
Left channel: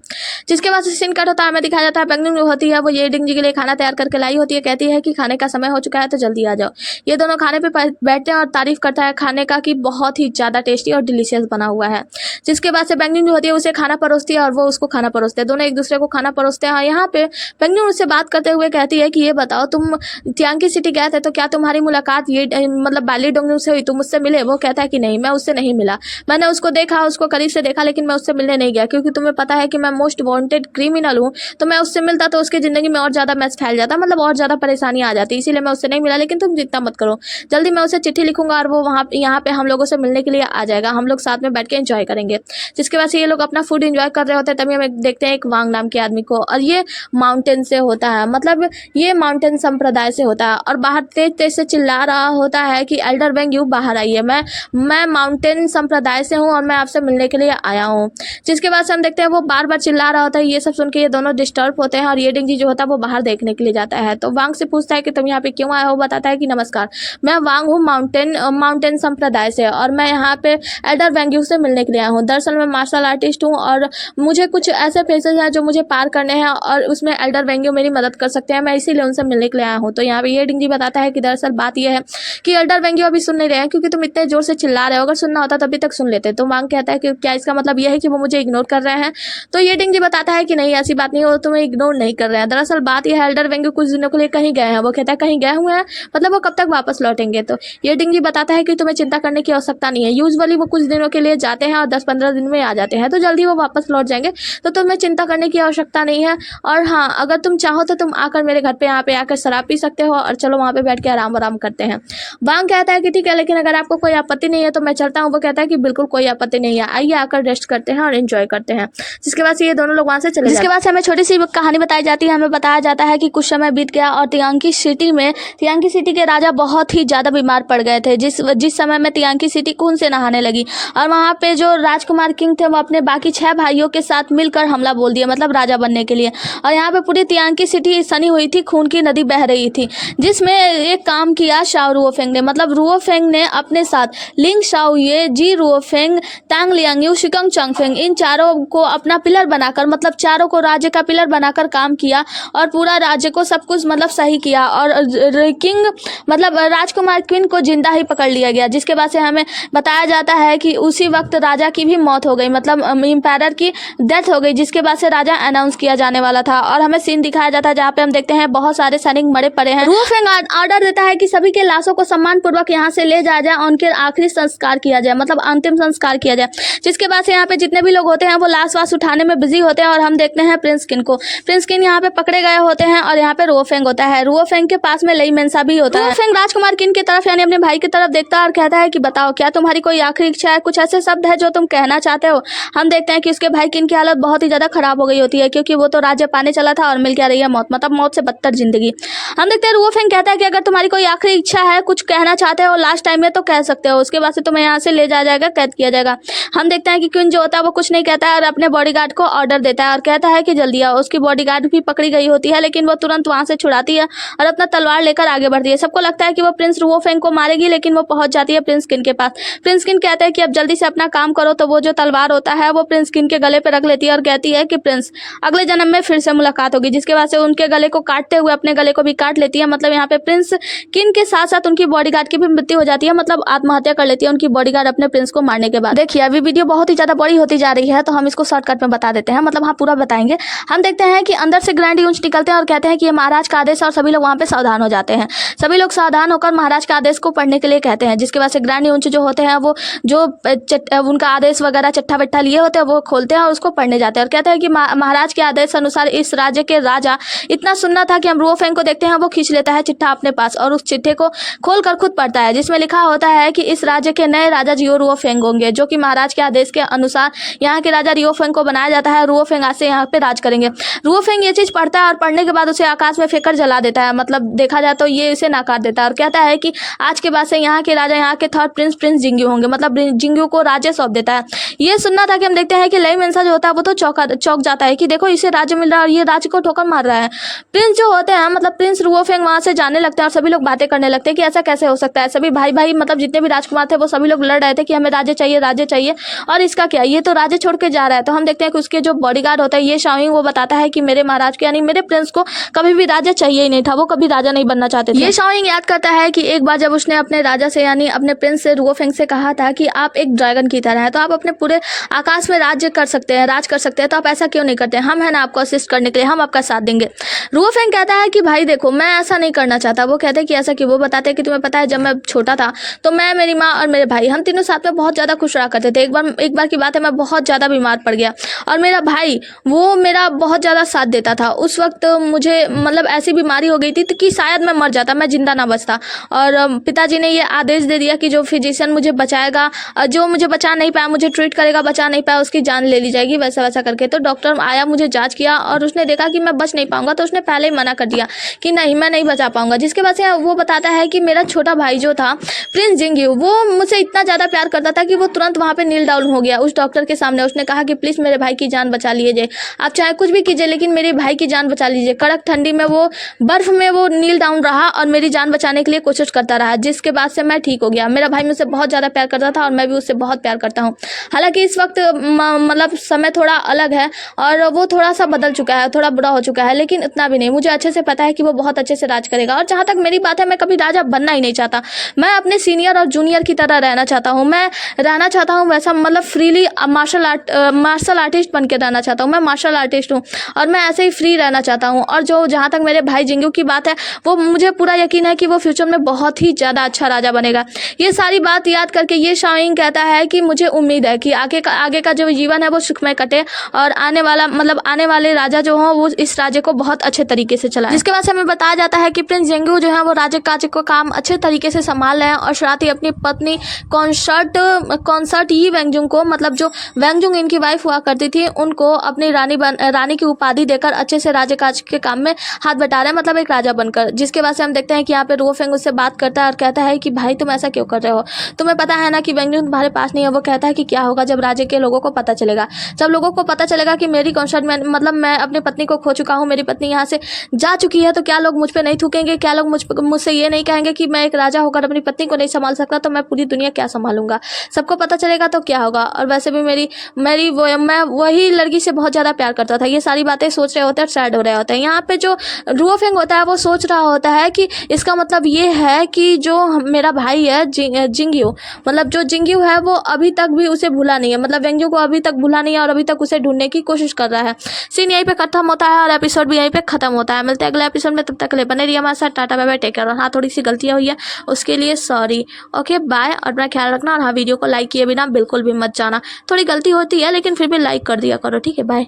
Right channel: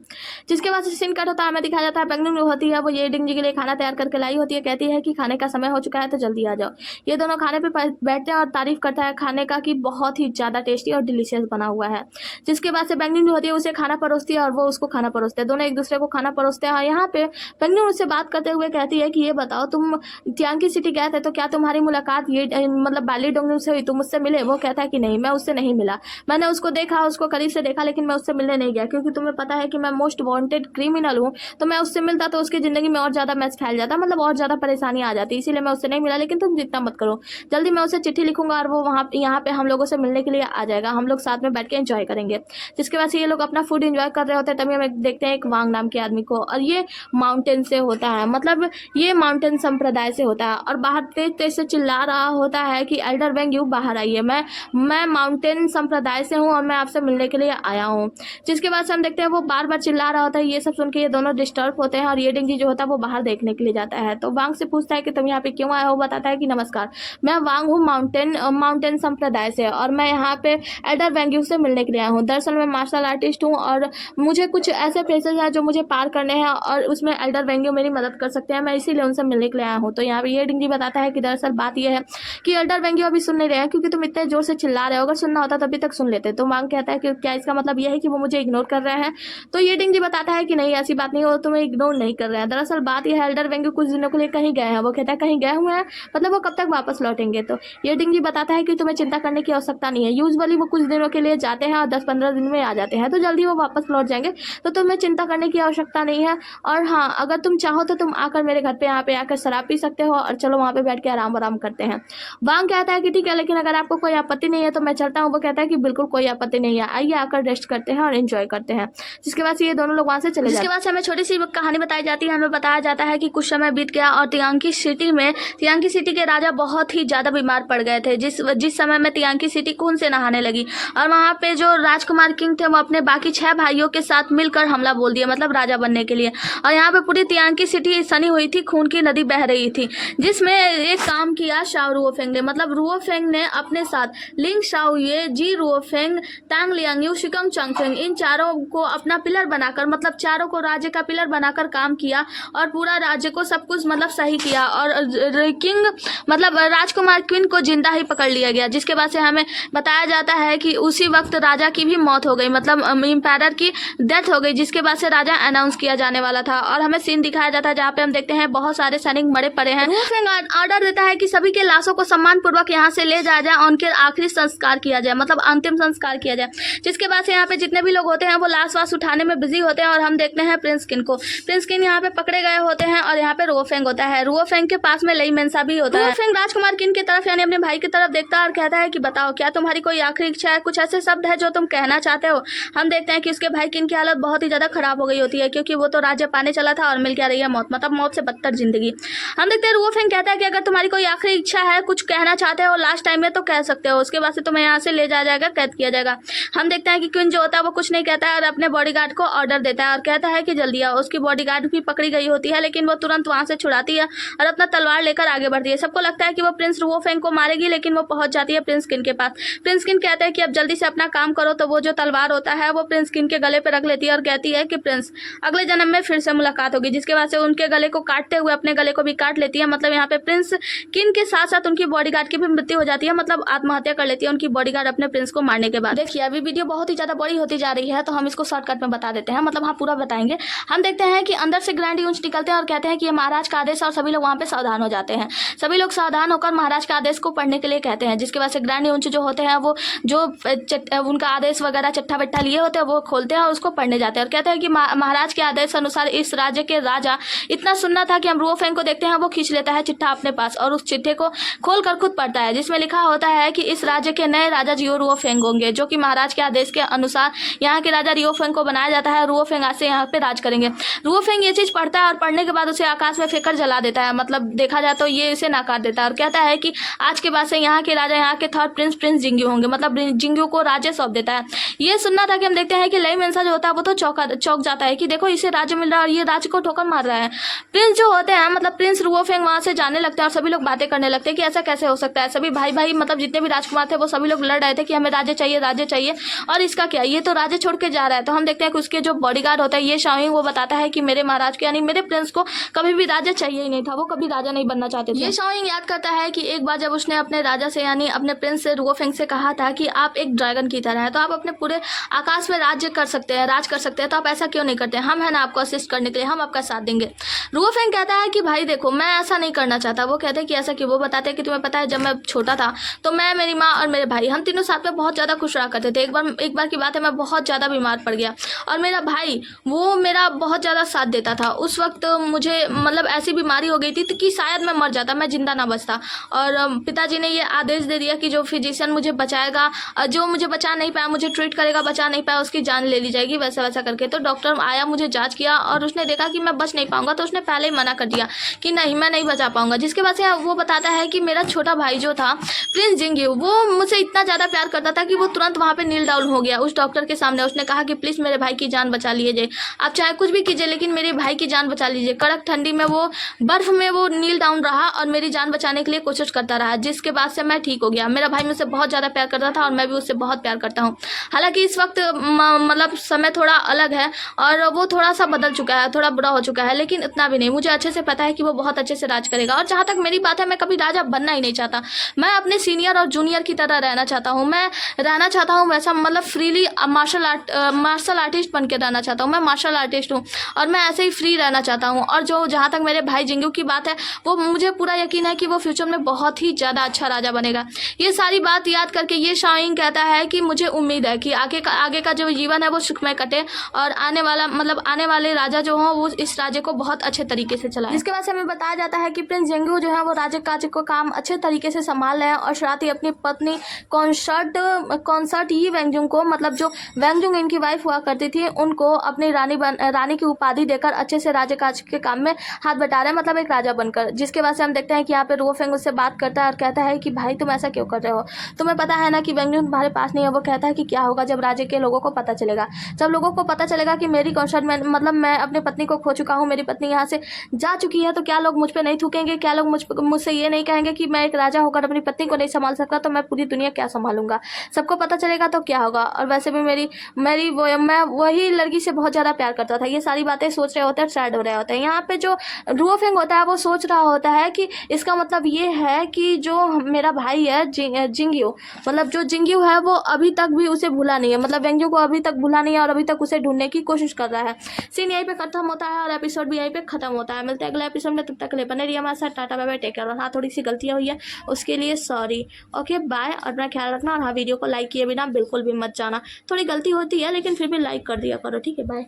जिसके बाद सीन कट होता है, हमें दिखाया जाता है बेंगजुंग जो होती है वो ये डिंगजी के लिए खाना तैयार करके लाई होती है। कहती है कि खाने का समय हो चुका है तो जल्दी आ जाओ। ये दोनों खाने पे बैठते हैं और तारीफ करता है खाने का कि बहुत ही ज्यादा टेस्टी और डिलीशियस बना हुआ है। जिसके बाद से बेंगजुंग जो होती है उसे खाना परोसती है और वो उसको खाना परोसते हैं। दोनों एक दूसरे को खाना परोसते हैं। यहाँ पे बेंगजुंग उससे बात करते हुए कहती है कि ये बताओ, तुम तियांकी सिटी गए थे तो क्या तुम्हारी मुलाकात ये मतलब बालीडोंग से हुई, तुम उससे मिले? वो कहता है कि नहीं, मैं उससे नहीं मिला। मैंने उसको देखा, उसको करीब से देखा, लेकिन मैं उससे मिलने नहीं गया क्योंकि तुम्हें पता है कि मैं मोस्ट वांटेड क्रिमिनल हूँ। तो मैं उससे मिलता तो उसकी जिंदगी में और ज्यादा मैस फैल जाता, मतलब और ज्यादा परेशानी आ जाती, इसीलिए मैं उससे नहीं मिला। लेकिन तुम चिंता मत करो, जल्दी मैं उसे चिट्ठी लिखूंगा और वो वहाँ यहाँ पे हम लोगों से मिलने के लिए आ जाएगा। हम लोग साथ में बैठ के एंजॉय करेंगे। जिसके बाद से ये लोग अपना फूड एंजॉय कर रहे होते हैं, तभी हम देखते हैं एक वांग नाम के आदमी को, और ये माउंटेन से होता है, मतलब ये माउंटेन संप्रदाय से होता है, और बाहर तेज तेज से चिल्ला रहा होता है कि एल्डर वेंग यू बाहर आइए, मैं माउंटेन संप्रदाय से हूँ और मैं आपसे मिलने के लिए आया हूँ। जिसके बाद से हम देखते हैं वो बार बार चिल्ला रहा होता है। ये सब सुन के ये दोनों डिस्टर्ब होते हैं और ये डिंगजी जो होता है वो बाहर देखने के लिए जाता है। तो वांग से पूछता है कि तुम यहाँ पे क्यों आए हो? बताता है कि नमस्कार, मैं वांग हूँ माउंटेन संप्रदाय से, और मैं यहाँ पे एल्डर वेंग यू से मिलने के लिए आया हूँ। दरअसल मैं मार्शल आर्टिस्ट हूँ और मुझे कुछ ऐसे फेसेस हैं जो मुझे पार करने हैं और उसमें एल्डर वेंग यू मेरी मदद कर सकते हैं, मैं इसीलिए उनसे मिलने के लिए आया हूँ। तो यहाँ पे ये डिंगजी बताता है कि दरअसल बात यह है कि एल्डर वेंग यू अभी सुन नहीं रहे हैं क्योंकि तुम इतने जोर से चिल्ला रहे हो, अगर सुनना होता तभी तक सुन लेते। तो वांग कहता है कि क्या इसका मतलब यह है कि वो मुझे इग्नोर कर रहे हैं? तो ये डिंगजी बताता है कि नहीं, ऐसी बात नहीं, वो तुम्हें इग्नोर नहीं कर रहे हैं। दरअसल बात यह है, एल्डर वेंग यू कुछ दिनों के लिए कहीं गए हैं। वो कहता है कहीं गए हुए हैं, मतलब वो कब तक वापस लौटेंगे? तो ये डिंगजी बताता है कि तुम्हें चिंता करने की आवश्यकता नहीं है, यूजुअली वो कुछ दिनों के लिए जाते हैं और 10-15 दिन में आ जाते हैं, तो जल्दी वो वापस लौट जाएंगे, तो तुम्हें चिंता करने की आवश्यकता नहीं है। और हाँ, अगर तुम चाहो तो तुम आकर मेरे घर पे यहाँ पे आकर शराब पी सकते हो और चलो वहाँ पे बैठ के आराम करते हैं। वांग कहता है कि ठीक है, लेकिन अगर आपको कोई आपत्ति नहीं है तो मैं चलता हूँ। वो कहता है कि बिल्कुल कोई आपत्ति नहीं है, आइए आकर रेस्ट करते हैं और एंजॉय करते हैं। जिसके बाद से ये दोनों लोग वहाँ से चले। जिसके बाद से हमें छोटी सी कहानी बताई जाती है। हमें बताया जाता है कि कुछ समय बीत गया और तियांकी सिटी के राजा बहुत ही ज्यादा बीमार पड़ गए थे। जिस समय में तियांकी सिटी खून से नहाने लगी और वहाँ पे जो राजकुमार किंग थे वो अपने बाकी 6 भाइयों के साथ मिलकर हमला बोल दिया, मतलब राजा बनने के लिए। और यहाँ पे पूरी तियांकी सिटी सनी हुई थी, खून की नदी बह रही थी, जिसमें एक काम किया शाओ रुओफेंग ने, मतलब रुओफेंग ने अपने साथ लिंग शाओये, जी रुओफेंग, तांग लियांगयू, शिकोंग चांगफेंग, इन चारों को अपना पिलर बनाकर, मतलब चारों को राज्य का पिलर बनाकर काम किया और पूरा राज्य को सब कुछ मतलब सही किया। और किंग मतलब राजकुमार क्वीन को जिंदा ही पकड़ लिया गया। जिसके बाद से हमें बताया जाता है कि उसी वक्त राजा की भी मौत हो गई, मतलब एम्पायर की डेथ हो गई। जिसके बाद से राजा अनाउंस किया जाने वाला था और हमें सीन दिखाया जाता है जहाँ पे हम देखते हैं बहुत सारे सैनिक मरे पड़े हैं। रुओफेंग ऑर्डर देता है कि सभी के लाशों को सम्मान पूर्वक यहाँ से ले जाया जाए और उनके आखिरी संस्कार किया जाए, मतलब अंतिम संस्कार किया जाए। जिसके बाद से यहाँ पे जितने भी लोग होते हैं वो लाश वाश उठाने में बिजी होते हैं और हम देखते हैं प्रिंस किन को। प्रिंस किन यहाँ पे पकड़े गए होते हैं और यहाँ पे रुओफेंग होता है। रुओफेंग के पास में लई मेंसा भी होता है। रुओफेंग राजकुमार किन की तरफ यानी अपने भाई की तरफ देखता है और कहता है कि बताओ, क्या तुम्हारी कोई आखिरी इच्छा है? कुछ ऐसे शब्द है जो तुम कहना चाहते हो? हम देखते हैं कि उसके भाई किन की हालत बहुत ही ज्यादा खराब हो गई होती है क्योंकि वो तो राज्य पाने चला था और मिल क्या रही है मौत, मतलब मौत से बदतर जिंदगी। हम देखते हैं रुओफेंग कहता है कि अगर तुम्हारी कोई आखिरी इच्छा है, कुछ कहना चाहते हो लास्ट टाइम में, तो कह सकते हो, उसके बाद से तुम्हें यहाँ से ले जाया जाएगा, कैद किया जाएगा। हम देखते हैं कि क्वीन जो होता है वो कुछ नहीं कहता है और अपने बॉडीगार्ड को ऑर्डर देता है और कहता है कि जल्दी आओ। उसकी बॉडीगार्ड भी पकड़ी गई होती है लेकिन वो तुरंत वहां से छुड़ाती है और अपना तलवार लेकर आगे बढ़ती है। सबको लगता है कि वो प्रिंस रुओफेंग को मारेगी, लेकिन वो पहुंच जाती है प्रिंस किन के पास। प्रिंस किन कहते हैं कि अब जल्दी से अपना काम करो, तो वो जो तलवार होता है वो प्रिंस किन के गले पे रख लेती है और कहती है कि प्रिंस, अगले जन्म में फिर से मुलाकात होगी। जिसके बाद से उनके गले को काटते हुए अपने गले को भी काट लेती है। मतलब यहाँ पे प्रिंस किन के साथ साथ उनकी बॉडीगार्ड की भी मृत्यु हो जाती है, मतलब आत्महत्या कर लेती है उनकी बॉडीगार्ड अपने प्रिंस को मारने के बाद। देखिए अभी वीडियो बहुत ही ज्यादा बड़ी होती जा रही है तो हम इसको शॉर्टकट में बता देते हैं, मतलब हाँ पूरा बताएंगे। हम देखते हैं कि अंदर से ग्रैंड यूंच निकलते हैं और कहते हैं कि ये महाराज का आदेश है और सभी लोग वहाँ पे सावधान हो जाते हैं। सभी लोग सावधान होकर महाराज के आदेश को पढ़ने के लिए कहते हैं। जिसके बाद से ग्रैंड यूंच जो होते हैं वो जो उनका आदेश वगैरह चट्टा वट्टा लिए होते हैं वो खोलते हैं और उसको पढ़ने जाते हैं और कहते हैं कि महाराज के आदेश अनुसार इस राज्य के राजा इतना सुनना था कि हम रुओफेंग को देखते हैं, वो खींच लेता है चिट्ठा अपने पास और उस चिट्ठे को खोलकर खुद पढ़ता है, जिसमें लिखा होता है कि इस राज्य के नए राजा जियो रुओफेंग होंगे, जो कि महाराज के आदेश के अनुसार यहाँ के राजा रुओफेंग को बनाया जाता है। रुओफेंग आज से यहाँ पे राज करेंगे। रुओफेंग ये चीज पढ़ता है और पढ़ने के बाद उसे आकाश में फेंककर जला देता है, मतलब देखा जाए तो ये इसे नकार देता है और कहता है कि आज के बाद से यहाँ के राजा यहाँ के थर्ड प्रिंस प्रिंस जिंग्यू होंगे, मतलब जिंग्यू को राज्य सौंप देता है। ये सुनना था कि हम देखते हैं कि लई मेंसा जो होता है वो तो चौंक जाता है कि देखो इसे राज्य मिल रहा है और ये राज्य को ठोकर मार रहा है। प्रिंस जो होते हैं मतलब प्रिंस रुओफेंग वहां से जाने लगते हैं और सभी लोग बातें करने लगते हैं कि ऐसा कैसे हो सकता है। सभी भाई भाई मतलब जितने भी राजकुमार थे वो सभी लोग लड़ रहे थे कि हमें राज्य चाहिए और इसका क्या, ये तो राज्य छोड़ के जा रहा है। तो हम देखते हैं कि उसके जो बॉडीगार्ड होता है ये शाओइंग वो बताता है कि मेरे महाराज को यानी मेरे प्रिंस को कभी भी राज्य चाहिए ही नहीं था, वो कभी राजा नहीं बनना चाहते थे। ये शाओइंग याद करता है कि एक बार जब उसने अपने राजा से यानी अपने प्रिंस से रुओफेंग से कहा था कि आप एक ड्रैगन की तरह है तो आप अपने पूरे आकाश में राज कर सकते हैं, तो आप ऐसा क्यों नहीं करते, हम है ना आपको असिस्ट करने के लिए, हम आपका साथ देंगे। रुओफेंग कहता है कि भाई देखो मैं ऐसा नहीं करना चाहता। वो कहते हैं कि ऐसा क्यों? वो बताते हैं कि तुम्हें पता है जब मैं छोटा था तो मैं, मेरी माँ और मेरे भाई हम तीनों साथ में बहुत ज़्यादा खुश रहा करते थे। एक बार की बात है मैं बहुत ज़्यादा बीमार पड़ गया और मेरा भाई वो मेरा बहुत ज़्यादा साथ देता था। उस वक्त मुझे मतलब ऐसी बीमारी हो गई थी कि शायद मैं मर जाता, मैं जिंदा ना बचता। और पिताजी ने ये आदेश दे दिया कि जो फिजिशियन मुझे बचाएगा, जो मुझे बचा नहीं पाया, मुझे ट्रीट करेगा, बचा नहीं पाया, उसकी जान ले ली जाएगी, वैसा वैसा करके। तो डॉक्टर आया, मुझे जांच किया और उसने देखा कि मैं बच नहीं पाऊंगा, तो उसने पहले ही मना कर दिया कि नहीं मैं नहीं बचा पाऊंगा। जिसके बाद से वो बताता है कि मेरा छोटा भाई जो था प्रिंस जिंग्यू वो मुझसे इतना ज़्यादा प्यार करता था कि वो तुरंत वहाँ पे नील डाउन हो गया उस डॉक्टर के सामने। उसने कहा कि प्लीज़ मेरे भाई की जान बचा लीजिए, आप चाहे कुछ भी कीजिए लेकिन मेरे भाई की जान बचा लीजिए। कड़क ठंडी में वो बर्फ में वो नील डाउन रहा और मेरी जान बचाने के लिए कोशिश करता रहा, जिसके बाद से मैं ठीक हो गया। मेरा भाई मुझसे बहुत ज़्यादा प्यार करता था और मैं भी उससे बहुत प्यार करता हूँ। हालांकि इस वक्त मतलब समय थोड़ा अलग है और वो थोड़ा सा बदल चुका है, थोड़ा बुरा हो चुका है, लेकिन इतना भी नहीं। मुझे अच्छे से पता है कि वो बहुत अच्छे से राज करेगा। और जहाँ तक मेरी बात है मैं कभी राजा बनना ही नहीं चाहता। मैं अपने सीनियर और जूनियर की तरह रहना चाहता हूँ। मैं रहना चाहता हूँ वैसा मतलब फ्रीली मार्शल आर्टिस्ट बन के रहना चाहता हूँ। मैं मार्शल आर्टिस्ट हूँ और मैं ऐसे ही फ्री रहना चाहता हूँ। और जो जहाँ तक मेरे भाई जिंग्यू की बात है वो मुझे पूरा यकीन है कि वो फ्यूचर में बहुत ही ज़्यादा अच्छा राजा बनेगा। ये सारी बात याद करके ये शाओइंग कहता है कि मुझे उम्मीद है कि आगे का जो जीवन है वो सुखमय कटे और आने वाले राजा जो हों वो इस राज्य को बहुत अच्छे तरीके से चलाएं। जिसके बाद से हमें बताया जाता है कि प्रिंस जिंग्यू जो है वो राज्य काज को काम अच्छे तरीके से संभाल रहे हैं और साथ ही अपनी पत्नी कॉन्सर्ट यी वेंगजुंग को, मतलब जो वेंगजुंग इनकी वाइफ हुआ करती थी, उनको अपनी रानी की उपाधि देकर अच्छे से राज्य काज के काम में हाथ बटा रहे हैं, मतलब एक राजा बनकर। जिसके बाद से हम देखते हैं कि यहाँ पे रुओफेंग उससे बात करता है और कहता है कि भाई तुम ऐसा क्यों कर रहे हो, तुम्हें पता है ना कि वेंगजुंग तुम्हारे पास नहीं है। वो कहता है कि क्या होगा जब राज्य के लोगों को पता चलेगा, जब लोगों को पता चलेगा कि मेरी कॉन्सर्ट में मतलब मैं अपनी पत्नी को खो चुका हूँ, मेरी पत्नी यहाँ से जा चुकी है, तो क्या लोग मुझ पर नहीं थूकेंगे, क्या लोग मुझसे ये नहीं कहेंगे कि मैं एक राजा होकर अपनी पत्नी को नहीं संभाल सकता, तो मैं पूरी दुनिया क्या संभालूंगा, सबको पता चलेगा तो क्या होगा। और वैसे भी मैं वही लड़की से बहुत ज़्यादा प्यार करता था। ये सारी बातें सोच रहे होते हैं, सैड हो रहे होते हैं। यहाँ पे जो रुओफेंग होता है वो सोच रहा होता है कि इसका मतलब ये है कि जो मेरा भाई है जिंग्यू, मतलब जो जिंग्यू है वो अभी तक भी उसे भूला नहीं है, मतलब वेंगजू को अभी तक भूला नहीं है और अभी तक उसे ढूंढने की कोशिश कर रहा है। सीन यहीं पे खत्म होता है और एपिसोड भी यहीं पे खत्म होता है। मिलते हैं अगले एपिसोड में, तब तक के लिए बने रहिए हमारे साथ। Tata bye bye, take care. और हाँ, थोड़ी सी गलतियाँ हुई है उसके लिए सॉरी। ओके बाय, और अपना ख्याल रखना। और हाँ, वीडियो को लाइक किए बिना बिल्कुल भी मत जाना। थोड़ी गलती होती है लेकिन फिर भी लाइक कर दिया करो, ठीक है। बाय।